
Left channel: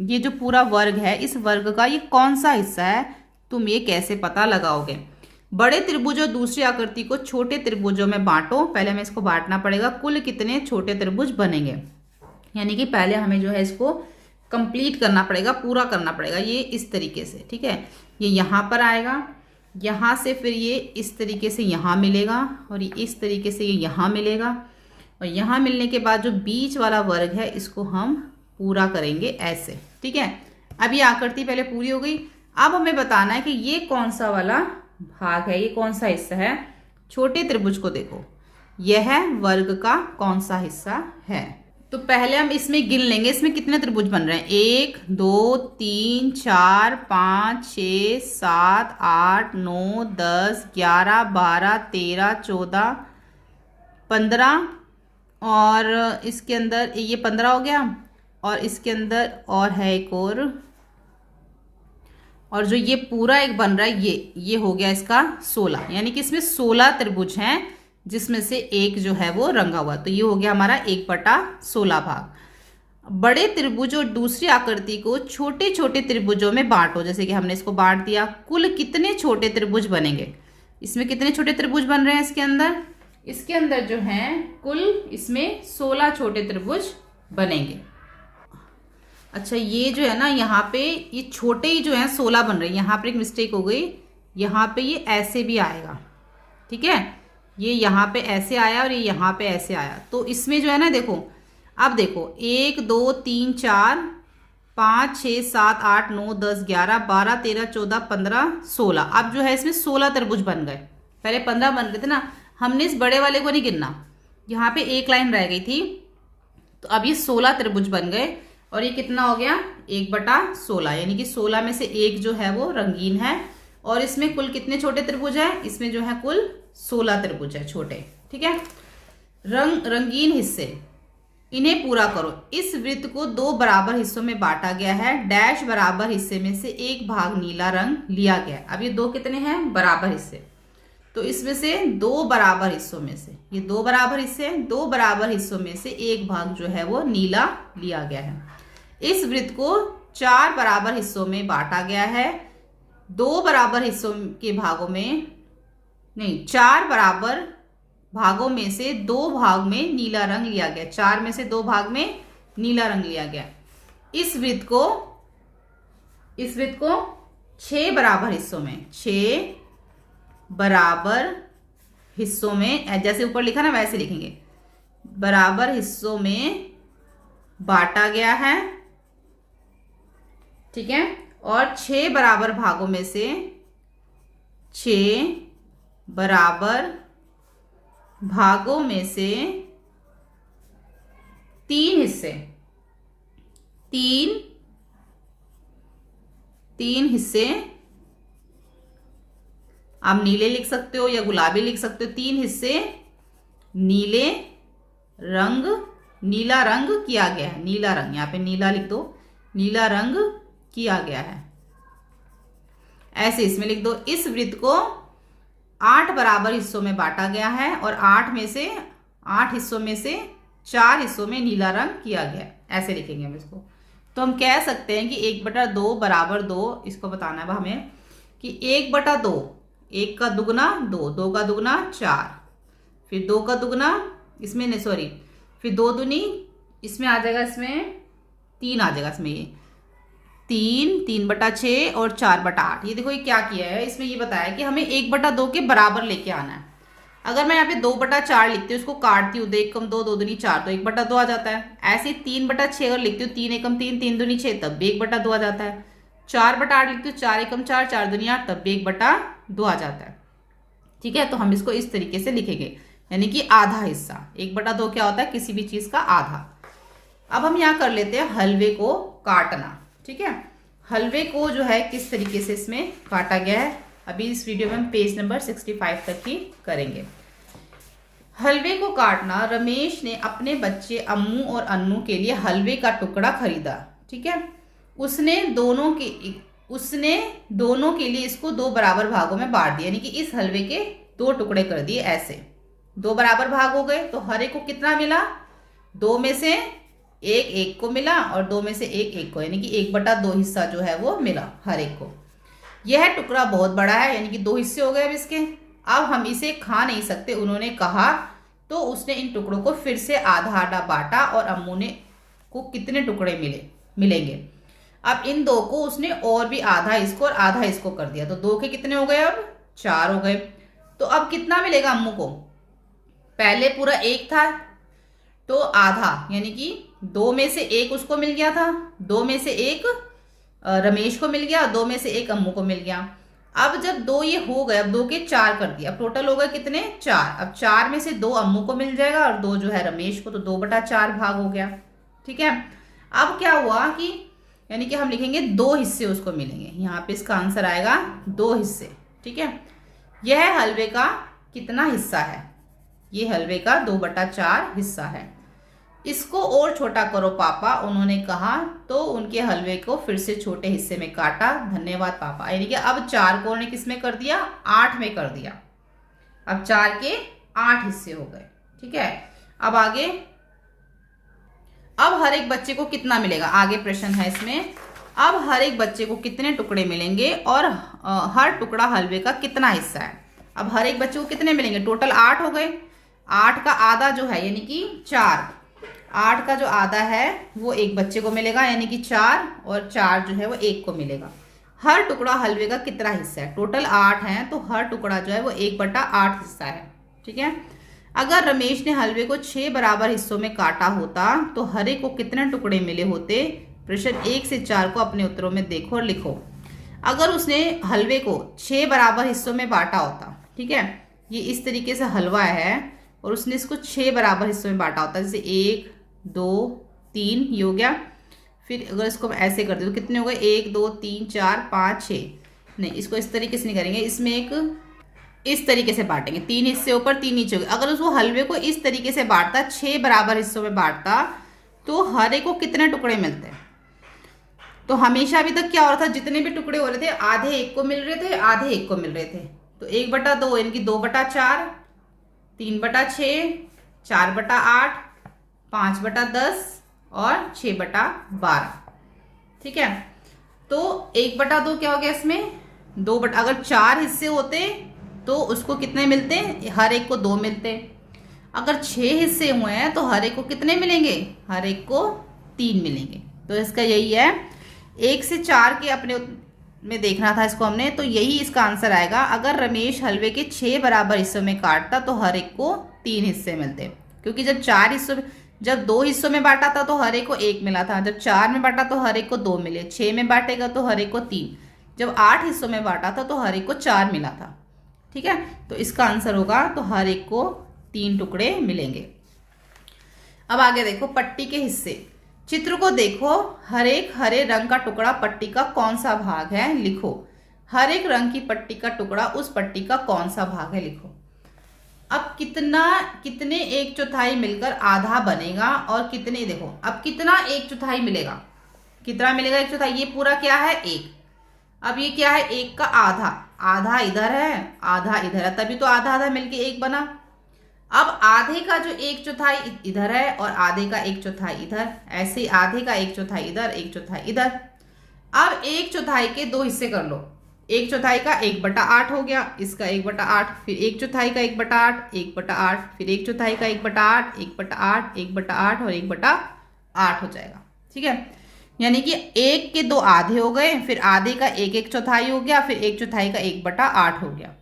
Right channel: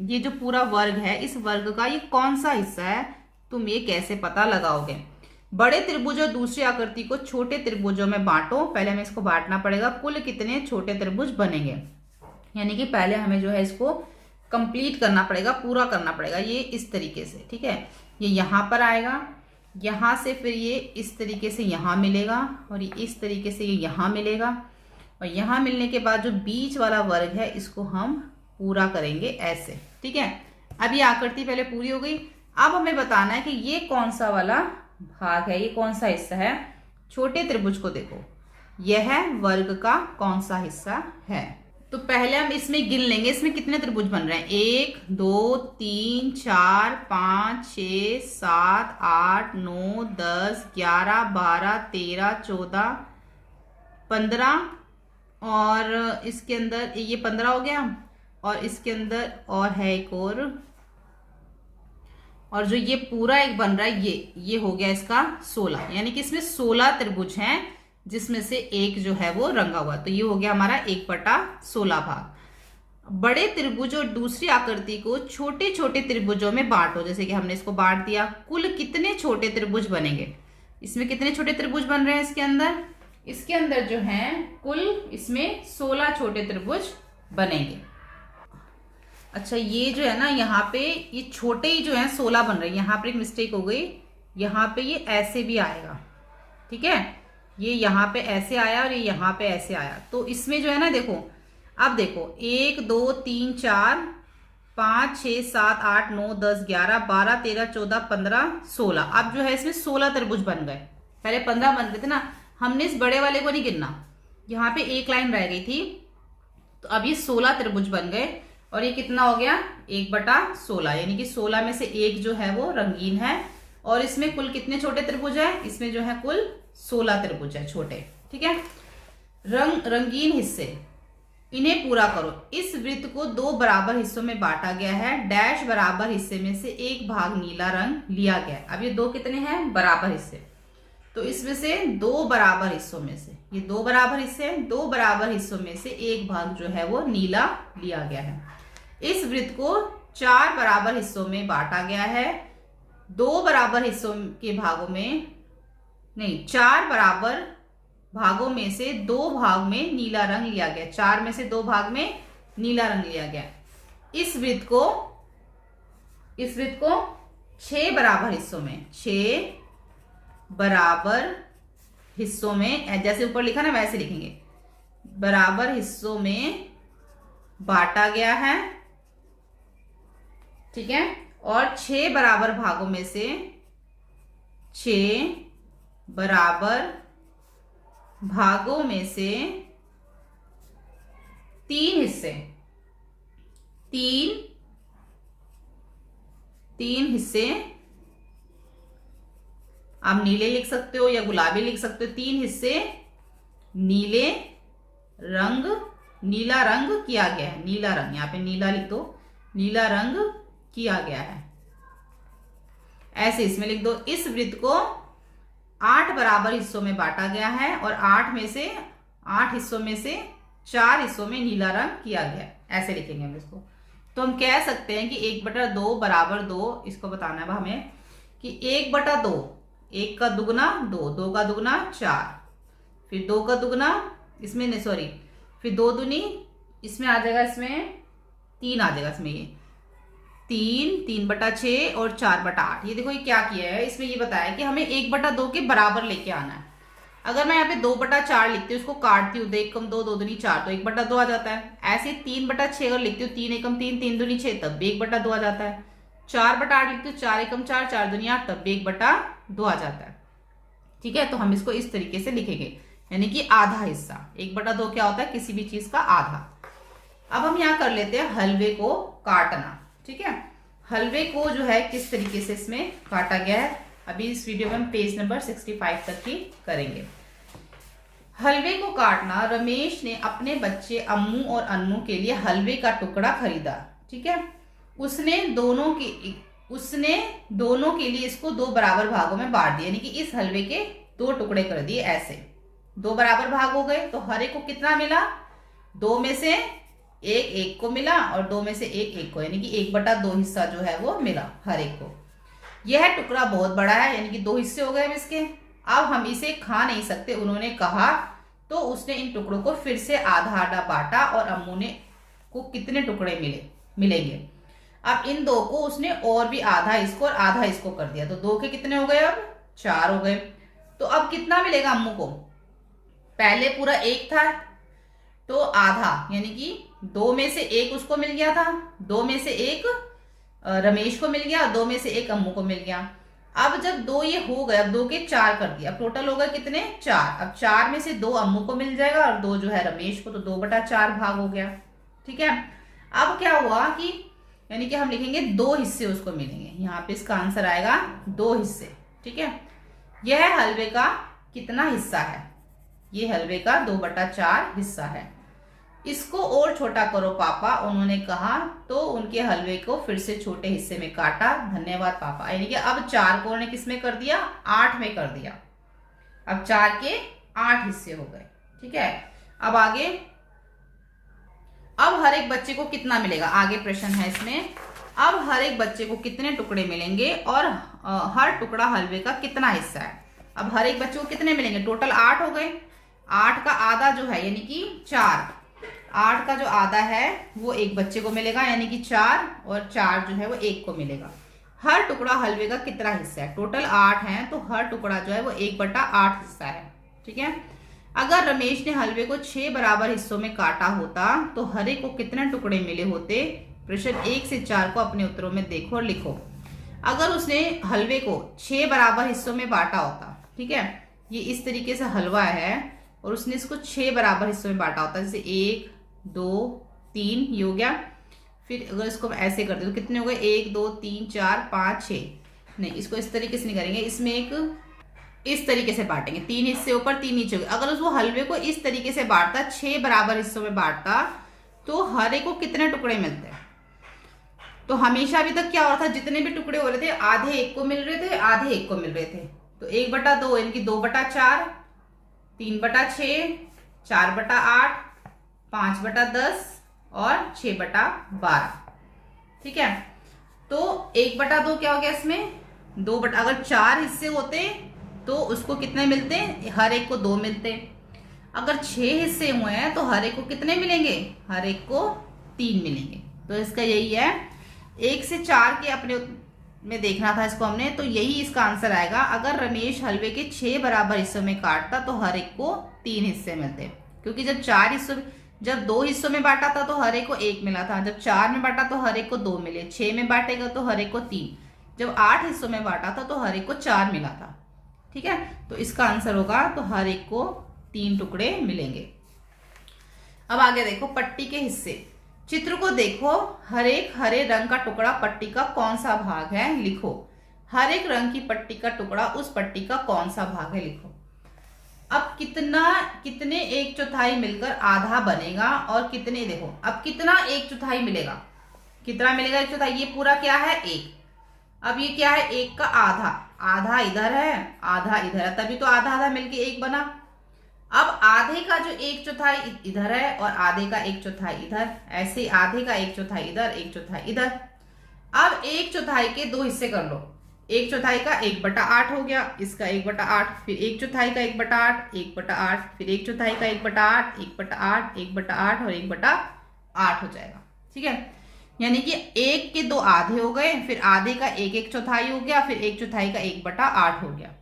ये जो पूरा वर्ग है, इस वर्ग का ये कौन सा हिस्सा है, तुम ये कैसे पता लगाओगे? बड़े त्रिभुज और दूसरी आकृति को छोटे त्रिभुजों में बांटो। पहले हमें इसको बांटना पड़ेगा, कुल कितने छोटे त्रिभुज बनेंगे, यानी कि पहले हमें जो है इसको कंप्लीट करना पड़ेगा, पूरा करना पड़ेगा। ये इस तरीके से, ठीक है, ये यहाँ पर आएगा, यहाँ से फिर ये इस तरीके से यहाँ मिलेगा, और ये इस तरीके से ये यहाँ मिलेगा, और यहाँ मिलने के बाद जो बीच वाला वर्ग है इसको हम पूरा करेंगे ऐसे। ठीक है, अब ये आकृति पहले पूरी हो गई। अब हमें बताना है कि ये कौन सा वाला भाग है, ये कौन सा हिस्सा है। छोटे त्रिभुज को देखो, यह वर्ग का कौन सा हिस्सा है। तो पहले हम इसमें गिन लेंगे, इसमें कितने त्रिभुज बन रहे हैं, 1 2 3 4 5 6 7 8 9 10 11 12 13 14 15, और इसके अंदर ये 15 हो गया, और इसके अंदर और है एक और जो ये पूरा एक बन रहा है ये हो गया इसका 16, यानी कि इसमें 16 त्रिभुज हैं, जिसमें से एक जो है वो रंगा हुआ। तो ये हो गया हमारा 1/16 भाग। बड़े त्रिभुज और दूसरी आकृति को छोटे छोटे त्रिभुजों में बांटो। जैसे कि हमने इसको बांट दिया, कुल कितने छोटे त्रिभुज बनेंगे, इसमें कितने छोटे त्रिभुज बन रहे हैं इसके अंदर जो है कुल इसमें 16 छोटे त्रिभुज बनेंगे। अच्छा, ये जो है ना, यहाँ पे ये छोटे ही जो है 16 बन रहे हैं, यहाँ पर एक मिस्टेक हो गई, यहाँ पे ये ऐसे भी आएगा। ठीक है, ये यहाँ पे ऐसे आया और ये यहाँ पे ऐसे आया, तो इसमें जो है ना, देखो अब देखो 1 2 3 4 5 6 7 8 9 10 11 12 13 14 15 16। अब जो है इसमें 16 त्रिभुज बन गए, पहले 15 बन गए थे ना। हमने इस बड़े वाले को नहीं गिनना, यहाँ पे एक लाइन रह गई थी, तो अब ये 16 त्रिभुज बन गए, और ये कितना हो गया 1/16, यानी कि 16 में से एक जो है वो रंगीन है। और इसमें कुल कितने छोटे त्रिभुज है, इसमें जो है कुल 16 त्रिभुज है छोटे। ठीक है, रंगीन हिस्से, इन्हें पूरा करो। इस वृत्त को 2 बराबर हिस्सों में बांटा गया है, डैश बराबर हिस्से में से एक भाग नीला रंग लिया गया। अब ये 2 कितने हैं, बराबर हिस्से, तो इसमें से 2 बराबर हिस्सों में से, ये 2 बराबर हिस्से, 2 बराबर हिस्सों में से एक भाग जो है वो नीला लिया गया है। इस वृत्त को 4 बराबर हिस्सों में बांटा गया है, 2 बराबर हिस्सों के भागों में नहीं, 4 बराबर भागों में से 2 भाग में नीला रंग लिया गया, 4 में से 2 भाग में नीला रंग लिया गया। इस वृत्त को 6 बराबर हिस्सों में, 6 बराबर हिस्सों में, जैसे ऊपर लिखा ना वैसे लिखेंगे, बराबर हिस्सों में बांटा गया है। ठीक है, और 6 बराबर भागों में से 6 बराबर भागों में से 3 हिस्से, 3 हिस्से, आप नीले लिख सकते हो या गुलाबी लिख सकते हो, 3 हिस्से नीला रंग किया गया है। नीला रंग, यहाँ पे नीला लिख दो, नीला रंग किया गया है, ऐसे इसमें लिख दो। इस वृत्त को 8 बराबर हिस्सों में बांटा गया है, और 8 हिस्सों में से 4 हिस्सों में नीला रंग किया गया, ऐसे लिखेंगे हम इसको। तो हम कह सकते हैं कि 1/2 बराबर 2, इसको बताना है हमें कि 1/2 1 का दुगना 2, 2 का दुगना 4, फिर 2 का दुगना इसमें नहीं सॉरी, फिर 2 दूनी इसमें आ जाएगा, इसमें 3 आ जाएगा, इसमें ये 3, 3/6 और 4/8। ये देखो ये क्या किया है, इसमें ये बताया कि हमें 1/2 के बराबर लेके आना है। अगर मैं यहाँ पे 2/4 लिखती हूँ, इसको काटती हूँ, 2 एकम 2, 2 दूनी 4, तो 1/2 आ जाता है। ऐसे 3/6 अगर लिखती हूँ, 3 एकम 3, 3 दूनी 6, तब भी 1/2 आ जाता है। 4/8 लिखती हूँ, 4 एकम 4, 4 दूनी 8, तब भी 1/2 आ जाता है। ठीक है, तो हम इसको इस तरीके से लिखेंगे, यानी कि आधा हिस्सा। 1/2 क्या होता है, किसी भी चीज का आधा। अब हम यहाँ कर लेते हैं हलवे को काटना। ठीक है, हलवे को जो है किस तरीके से इसमें काटा गया है, अभी इस वीडियो में हम पेज नंबर 65 तक ही करेंगे। हलवे को काटना। रमेश ने अपने बच्चे अम्मू और अन्नू के लिए हलवे का टुकड़ा खरीदा। ठीक है, उसने दोनों के लिए इसको 2 बराबर भागों में बांट दिया, यानी कि इस हलवे के 2 टुकड़े कर दिए। ऐसे 2 बराबर भाग हो गए, तो हर एक को कितना मिला, 2 में से 1 1 को मिला और 2 में से 1 1 को, यानी कि 1/2 हिस्सा जो है वो मिला हर एक को। यह टुकड़ा बहुत बड़ा है, यानी कि 2 हिस्से हो गए अब इसके। अब हम इसे खा नहीं सकते, उन्होंने कहा। तो उसने इन टुकड़ों को फिर से आधा आधा बांटा और अम्मू ने को कितने टुकड़े मिलेंगे। अब इन 2 को उसने और भी आधा इसको और आधा इसको कर दिया, तो 2 के कितने हो गए, अब 4 हो गए। तो अब कितना मिलेगा अम्मू को, पहले पूरा 1 था तो आधा, यानी कि 2 में से 1 उसको मिल गया था, 2 में से 1 रमेश को मिल गया, 2 में से 1 अम्मू को मिल गया। अब जब 2 ये हो गए, अब 2 के 4 कर दिया, अब टोटल हो गए कितने, 4। अब 4 में से 2 अम्मू को मिल जाएगा और 2 जो है रमेश को, तो 2/4 भाग हो गया। ठीक है, अब क्या हुआ कि यानी कि हम लिखेंगे 2 हिस्से उसको मिलेंगे, यहाँ पे इसका आंसर आएगा 2 हिस्से। ठीक है, यह हलवे का कितना हिस्सा है, ये हलवे का 2/4 हिस्सा है। इसको और छोटा करो पापा, उन्होंने कहा। तो उनके हलवे को फिर से छोटे हिस्से में काटा। धन्यवाद पापा। यानी कि अब 4 को उन्होंने किस में कर दिया, 8 में कर दिया। अब 4 के 8 हिस्से हो गए। ठीक है, अब आगे, अब हर एक बच्चे को कितना मिलेगा, आगे प्रश्न है इसमें। अब हर एक बच्चे को कितने टुकड़े मिलेंगे और हर टुकड़ा हलवे का कितना हिस्सा है। अब हर एक बच्चे को कितने मिलेंगे, टोटल 8 हो गए। 8 का आधा जो है यानी कि 4, 8 का जो आधा है वो एक बच्चे को मिलेगा, यानी कि 4, और 4 जो है वो 1 को मिलेगा। हर टुकड़ा हलवे का कितना हिस्सा है, टोटल 8 है, तो हर टुकड़ा जो है वो 1/8 हिस्सा है। ठीक है, अगर रमेश ने हलवे को 6 बराबर हिस्सों में काटा होता तो हर एक को कितने टुकड़े मिले होते। प्रश्न 1 से 4 को अपने उत्तरों में देखो और लिखो। अगर उसने हलवे को 6 बराबर हिस्सों में बांटा होता, ठीक है, ये इस तरीके से हलवा है और उसने इसको 6 बराबर हिस्सों में बांटा होता, जैसे 1 2 3 ये हो गया। फिर अगर इसको ऐसे कर दे तो कितने हो गए, 1 2 3 4 5 6। नहीं, इसको इस तरीके से नहीं करेंगे, इसमें एक इस तरीके से बांटेंगे, 3 हिस्से ऊपर 3 नीचे हो गए। अगर उसको हलवे को इस तरीके से बांटता, 6 बराबर हिस्सों में बांटता, तो हर एक को कितने टुकड़े मिलते हैं। तो हमेशा अभी तक क्या हो रहा था, जितने भी टुकड़े हो रहे थे आधे 1 को मिल रहे थे, आधे 1 को मिल रहे थे। तो 1/2 यानी कि 2/4, 3/6, 4/8, 5/10 और 6/12। ठीक है, तो 1/2 क्या हो गया इसमें, 2 अगर 4 हिस्से होते तो उसको कितने मिलते, हर एक को 2 मिलते। अगर 6 हिस्से हुए हैं तो हर एक को कितने मिलेंगे, हर एक को 3 मिलेंगे। तो इसका यही है, 1 से 4 के अपने में देखना था इसको हमने, तो यही इसका आंसर आएगा। अगर रमेश हलवे के 6 बराबर हिस्सों में काटता तो हर एक को 3 हिस्से मिलते, क्योंकि जब 2 हिस्सों में बांटा था तो हर एक को 1 मिला था, जब 4 में बांटा तो हर एक को 2 मिले, 6 में बांटेगा तो हर एक को 3, जब 8 हिस्सों में बांटा था तो हर एक को 4 मिला था। ठीक है, तो इसका आंसर होगा, तो हर एक को 3 टुकड़े मिलेंगे। अब आगे देखो, पट्टी के हिस्से। चित्र को देखो, हर एक हरे रंग का टुकड़ा पट्टी का कौन सा भाग है, लिखो। हर एक रंग की पट्टी का टुकड़ा उस पट्टी का कौन सा भाग है, लिखो। अब कितने 1/4 मिलकर आधा बनेगा और कितने, देखो अब कितना 1/4 मिलेगा, कितना मिलेगा 1/4, ये पूरा क्या है 1। अब ये क्या है, 1 का आधा, आधा इधर है आधा इधर है, तभी तो आधा आधा मिलके 1 बना। अब आधे का जो 1/4 इधर है और आधे का 1/4 इधर, ऐसे आधे का 1/4 इधर 1/4 इधर। अब 1/4 के 2 हिस्से कर लो, एक चौथाई का 1/8 हो गया, इसका 1/8, फिर एक चौथाई का 1/8, 1/8, फिर एक चौथाई का 1/8, 1/8, 1/8 और 1/8 हो जाएगा। ठीक है, यानी कि एक के 2 आधे हो गए, फिर आधे का 1 चौथाई हो गया, फिर एक चौथाई का 1/8 हो गया।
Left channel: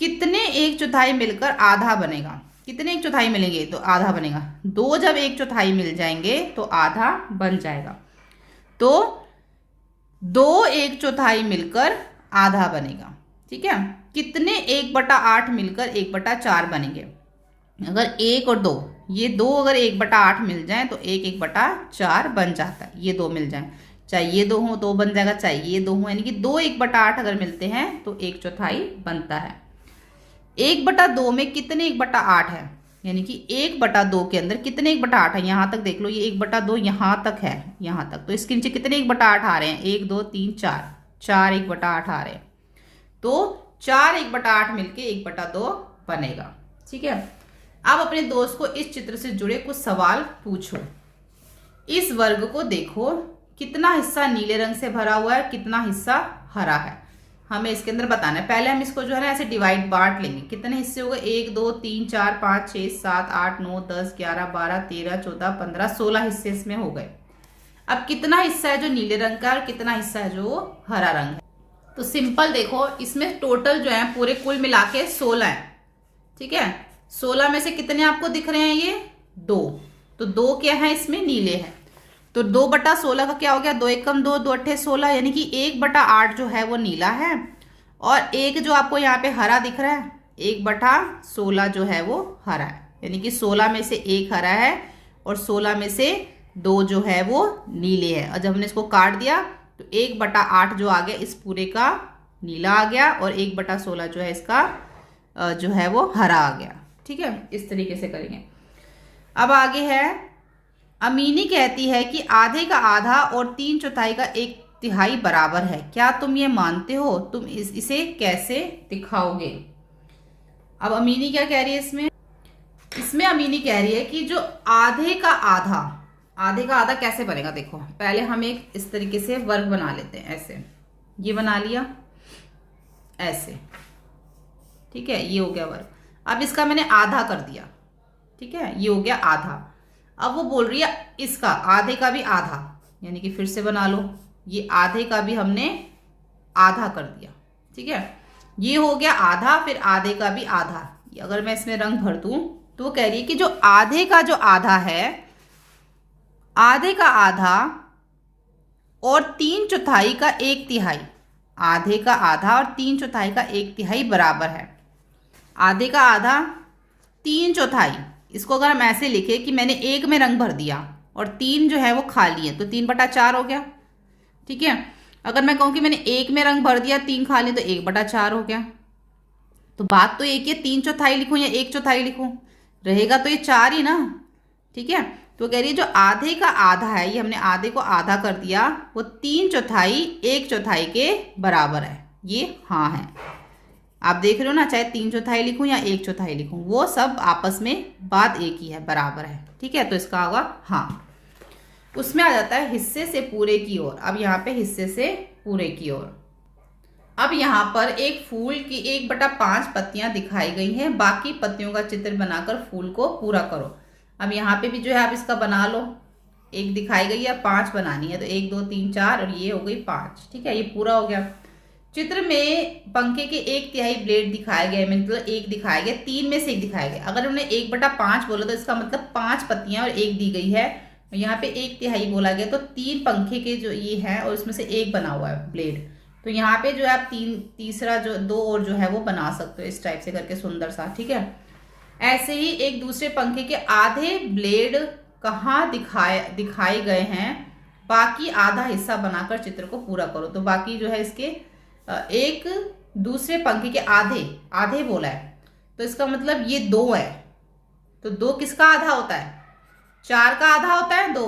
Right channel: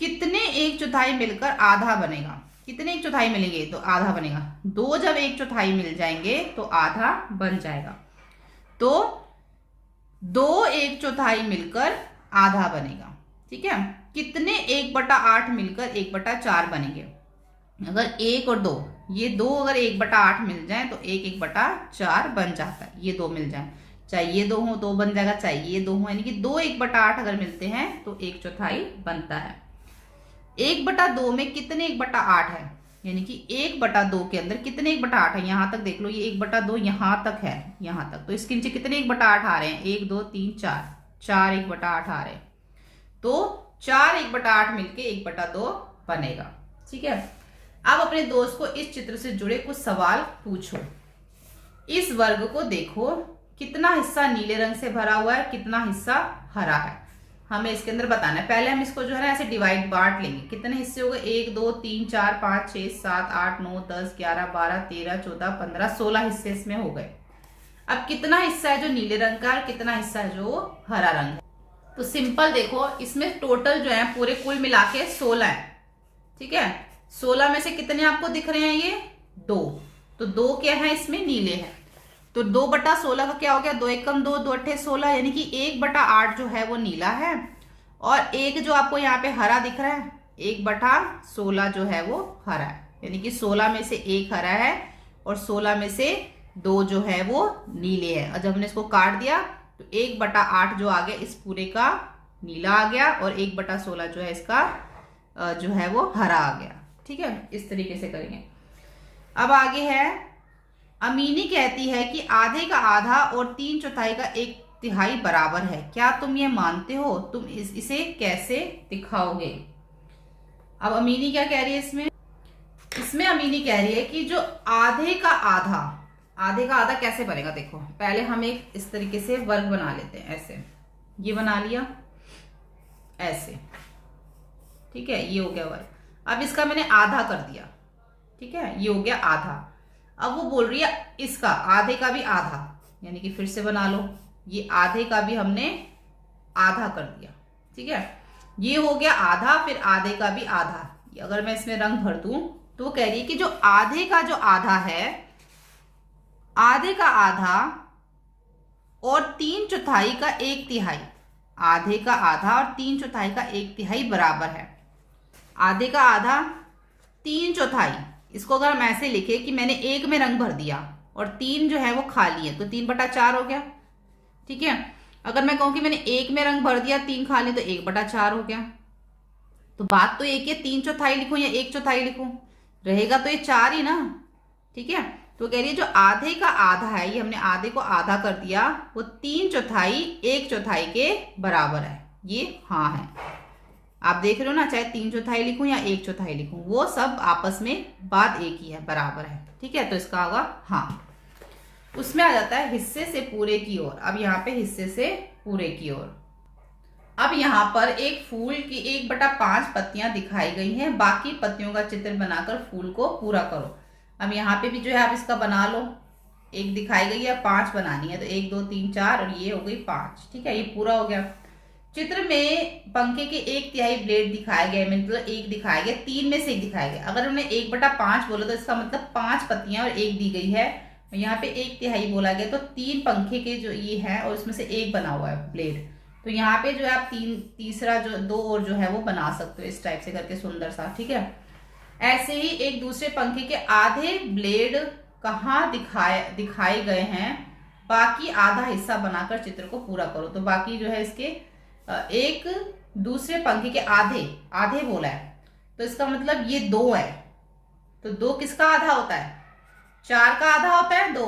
कितने एक चौथाई मिलकर आधा बनेगा? कितने एक चौथाई मिलेंगे तो आधा बनेगा? 2 जब एक चौथाई मिल जाएंगे तो आधा बन जाएगा। तो 2 एक चौथाई मिलकर आधा बनेगा। ठीक है, कितने 1/8 मिलकर 1/4 बनेंगे? अगर 1 और 2, ये 2 अगर 1/8 मिल जाए तो 1/4 बन जाता है। ये 2 मिल जाए, चाहे ये 2 हो तो बन जाएगा, चाहे ये 2 हो, यानी कि 2 1/8 अगर मिलते हैं तो एक चौथाई बनता है। 1/2 में कितने 1/8 है? यानी कि 1/2 के अंदर कितने 1/8 है? यहाँ तक देख लो, ये 1/2 यहाँ तक है, यहाँ तक, तो इसके नीचे कितने 1/8 आ रहे हैं? 1 2 3 4, 4 1/8 आ रहे हैं। तो 4 1/8 मिलके 1/2 बनेगा। ठीक है, अब अपने दोस्त को इस चित्र से जुड़े कुछ सवाल पूछो। इस वर्ग को देखो, कितना हिस्सा नीले रंग से भरा हुआ है, कितना हिस्सा हरा है, हमें इसके अंदर बताना है। पहले हम इसको जो है ना ऐसे डिवाइड बांट लेंगे। कितने हिस्से हो गए? 1 2 3 4 5 6 7 8 9 10 11 12 13 14 15 16 हिस्से इसमें हो गए। अब कितना हिस्सा है जो नीले रंग का है और कितना हिस्सा है जो हरा रंग है? तो सिंपल देखो, इसमें टोटल जो है पूरे कुल मिला के 16 है। ठीक है, 16 में से कितने आपको दिख रहे हैं? ये 2, तो 2 क्या है इसमें? नीले हैं। तो 2/16 का क्या हो गया? 2 एकम 2, 2 अट्ठे 16, यानी कि 1/8 जो है वो नीला है, और एक जो आपको यहाँ पे हरा दिख रहा है, 1/16 जो है वो हरा है, यानी कि 16 में से 1 हरा है और 16 में से 2 जो है वो नीले है। और जब हमने इसको काट दिया तो 1/8 जो आ गया इस पूरे का नीला आ गया, और 1/16 जो है इसका जो है वो हरा आ गया। ठीक है, इस तरीके से करेंगे। अब आगे है, अमीनी कहती है कि आधे का आधा और 3/4 का 1/3 बराबर है, क्या तुम ये मानते हो? तुम इसे कैसे दिखाओगे? अब अमीनी क्या कह रही है इसमें? इसमें अमीनी कह रही है कि जो आधे का आधा कैसे बनेगा? देखो, पहले हम एक इस तरीके से वर्ग बना लेते हैं, ऐसे ये बना लिया, ऐसे। ठीक है, ये हो गया वर्ग। अब इसका मैंने आधा कर दिया। ठीक है, ये हो गया आधा। अब वो बोल रही है इसका आधे का भी आधा, यानी कि फिर से बना लो, ये आधे का भी हमने आधा कर दिया। ठीक है, ये हो गया आधा, फिर आधे का भी आधा। अगर मैं इसमें रंग भर दूं तो वो कह रही है कि जो आधे का जो आधा है, आधे का आधा और 3/4 का 1/3, आधे का आधा और 3/4 का 1/3 बराबर है। आधे का आधा 3/4, इसको अगर हम ऐसे लिखे कि मैंने 1 में रंग भर दिया और 3 जो है वो खाली है, तो 3/4 हो गया। ठीक है, अगर मैं कहूँ कि मैंने 1 में रंग भर दिया, 3 खाली, तो 1/4 हो गया। तो बात तो एक है, 3/4 लिखूं या 1/4 लिखूं, रहेगा तो ये 4 ही ना। ठीक है, तो कह रही है जो आधे का आधा है, ये हमने आधे को आधा कर दिया, वो 3/4 1/4 के बराबर है। ये हाँ है, आप देख रहे हो ना, चाहे 3/4 लिखूं या 1/4 लिखूं, वो सब आपस में बात एक ही है, बराबर है। ठीक है, तो इसका होगा हाँ। उसमें आ जाता है हिस्से से पूरे की ओर। अब यहाँ पे हिस्से से पूरे की ओर, अब यहाँ पर एक फूल की 1/5 पत्तियां दिखाई गई हैं, बाकी पत्तियों का चित्र बनाकर फूल को पूरा करो। अब यहाँ पे भी जो है आप इसका बना लो, एक दिखाई गई है, 5 बनानी है, तो 1 2 3 4 और ये हो गई 5। ठीक है, ये पूरा हो गया। चित्र में पंखे के 1/3 ब्लेड दिखाए गए, मतलब 1 दिखाया गया, 3 में से 1 दिखाया गया। अगर हमने 1/5 बोला तो इसका मतलब 5 पत्तियां और 1 दी गई है, यहाँ पे 1/3 बोला गया, तो 3 पंखे के जो ये है और इसमें से 1 बना हुआ है ब्लेड, तो यहाँ पे जो है आप तीसरा जो 2 और जो है वो बना सकते हो, इस टाइप से करके सुंदर सा। ठीक है, ऐसे ही एक दूसरे पंखे के आधे ब्लेड कहाँ दिखाए गए हैं, बाकी आधा हिस्सा बनाकर चित्र को पूरा करो। तो बाकी जो है इसके एक दूसरे पंखे के आधे बोला है, तो इसका मतलब ये 2 है, तो 2 किसका आधा होता है? 4 का आधा होता है 2,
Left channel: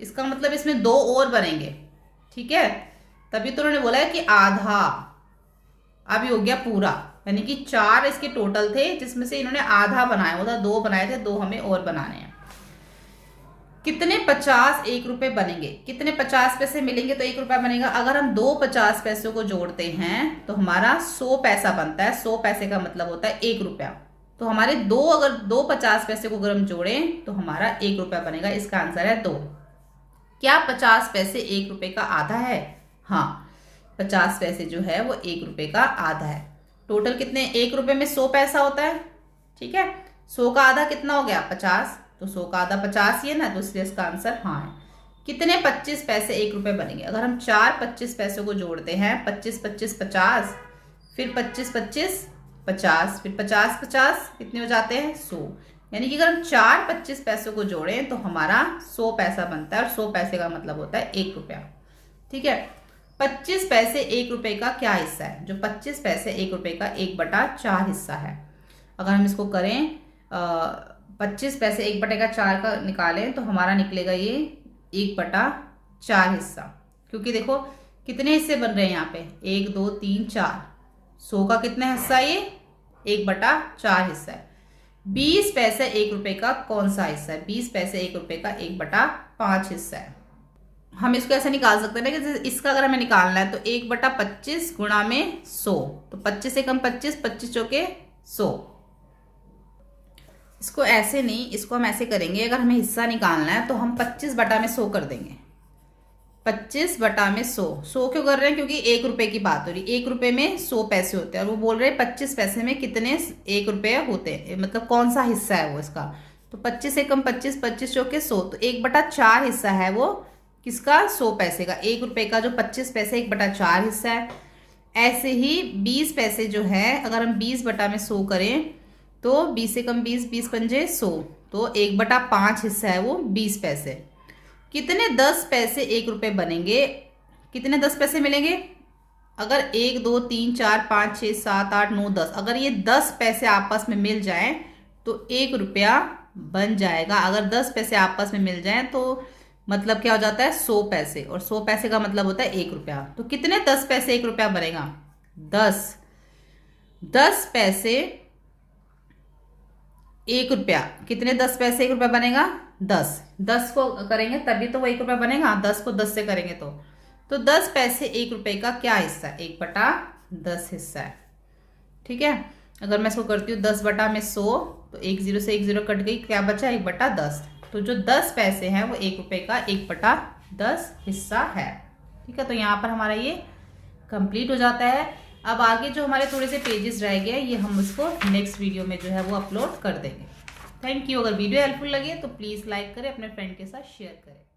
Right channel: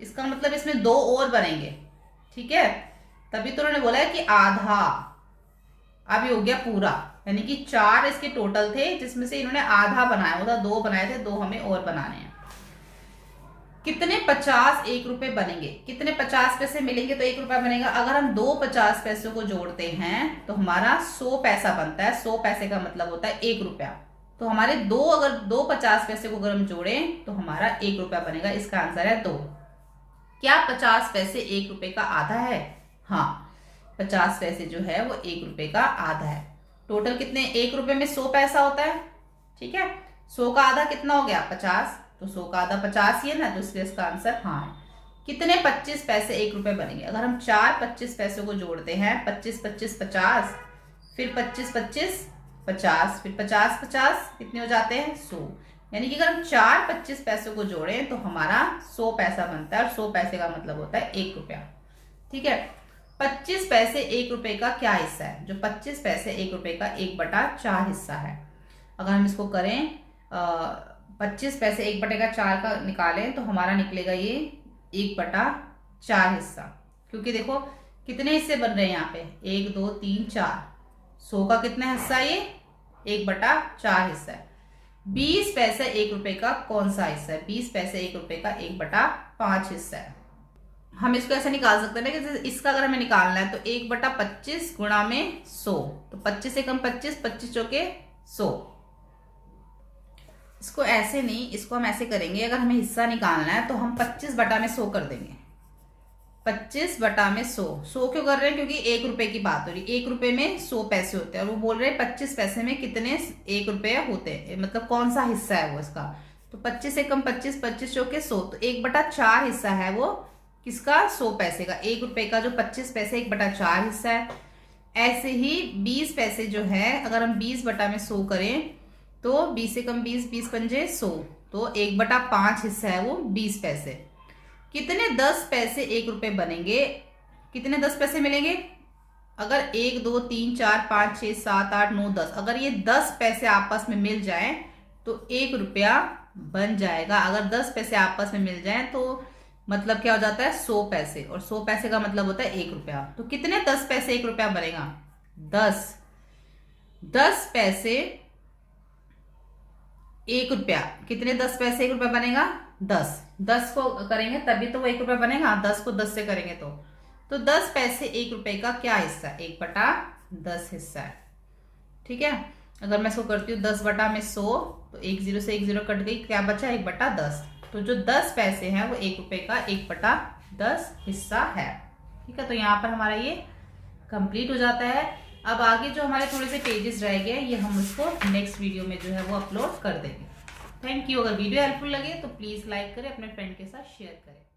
इसका मतलब इसमें 2 और बनेंगे। ठीक है, तभी तो उन्होंने बोला है कि आधा। अब ये हो गया पूरा, यानी कि 4 इसके टोटल थे, जिसमें से इन्होंने आधा बनाया हुआ था, 2 बनाए थे, 2 हमें और बनाने हैं। कितने 50 1 रुपए बनेंगे, कितने 50 पैसे मिलेंगे तो 1 रुपया बनेगा। अगर हम 2 50 पैसों को जोड़ते हैं तो हमारा 100 पैसा बनता है। 100 पैसे का मतलब होता है 1 रुपया। तो हमारे अगर 2 50 पैसे को अगर हम जोड़ें तो हमारा 1 रुपया बनेगा। इसका आंसर है 2। क्या 50 पैसे 1 रुपए का आधा है? हाँ, 50 पैसे जो है वो 1 रुपए का आधा है। टोटल कितने, 1 रुपए में 100 पैसा होता है, ठीक है। 100 का आधा कितना हो गया? 50। तो 100 का आधा 50 ही है ना, तो इसलिए इसका आंसर हाँ है। कितने 25 पैसे 1 रुपए बनेंगे? अगर हम 4 25 पैसों को जोड़ते हैं, 25 25 50, फिर 25 25 50, फिर 50 50, कितने हो जाते हैं? 100। यानी कि अगर हम 4 25 पैसों को जोड़ें तो हमारा 100 पैसा बनता है, और 100 पैसे का मतलब होता है 1 रुपया, ठीक है। 25 पैसे 1 रुपए का क्या हिस्सा है? जो 25 पैसे 1 रुपए का 1/4 हिस्सा है। अगर हम इसको करें 25 पैसे 1/4 का निकालें तो हमारा निकलेगा ये 1/4 हिस्सा। क्योंकि देखो कितने हिस्से बन रहे हैं यहाँ पे, 1 2 3 4। 100 का कितना हिस्सा है? ये 1/4 हिस्सा है। 20 पैसे 1 रुपए का कौन सा हिस्सा है? 20 पैसे 1 रुपए का 1/5 हिस्सा है। हम इसको ऐसे निकाल सकते हैं कि इसका अगर हमें निकालना है तो 1/25 गुणा में 100, तो 25 से कम 25, 25 चौके 100। इसको ऐसे नहीं, इसको हम ऐसे करेंगे। अगर हमें हिस्सा निकालना है तो हम 25/100 कर देंगे। 25/100। 100 क्यों कर रहे हैं? क्योंकि 1 रुपए की बात हो रही है। 1 रुपए में 100 पैसे होते हैं, और वो बोल रहे हैं 25 पैसे में कितने 1 रुपए होते हैं, मतलब कौन सा हिस्सा है वो इसका। तो 25 से कम 25, 25 चौके 100, तो 1/4 हिस्सा है वो किसका? 100 पैसे का। 1 रुपए का जो 25 पैसे 1/4 हिस्सा है। ऐसे ही 20 पैसे जो है, अगर हम 20/100 करें तो 20 से कम 20, 20 पंजे 100, तो 1/5 हिस्सा है वो 20 पैसे। कितने 10 पैसे 1 रुपए बनेंगे? कितने 10 पैसे मिलेंगे? अगर 1 2 3 4 5 6 7 8 9 10, अगर ये 10 पैसे आपस में मिल जाएं तो 1 रुपया बन जाएगा। अगर 10 पैसे आपस में मिल जाएं तो मतलब क्या हो जाता है? 100 पैसे, और 100 पैसे का मतलब होता है 1 रुपया। तो कितने 10 पैसे 1 रुपया बनेगा? 10। 10 पैसे 1 रुपया, कितने 10 पैसे 1 रुपया बनेगा? 10। 10 को करेंगे तभी तो वो 1 रुपया बनेगा। 10 को 10 से करेंगे तो 10 पैसे 1 रुपए का क्या हिस्सा है? 1/10 हिस्सा है, ठीक है। अगर मैं इसको करती हूँ 10/100, तो 1 0 से 1 0 कट गई, क्या बचा? 1/10। तो जो 10 पैसे हैं वो 1 रुपए का 1/10 हिस्सा है, ठीक है। तो यहाँ पर हमारा ये कंप्लीट हो जाता है। अब आगे जो हमारे थोड़े से पेजेस रह गए, ये हम उसको नेक्स्ट वीडियो में जो है वो अपलोड कर देंगे। Thank you. अगर वीडियो हेल्पफुल लगे तो प्लीज़ लाइक करें, अपने फ्रेंड के साथ शेयर करें।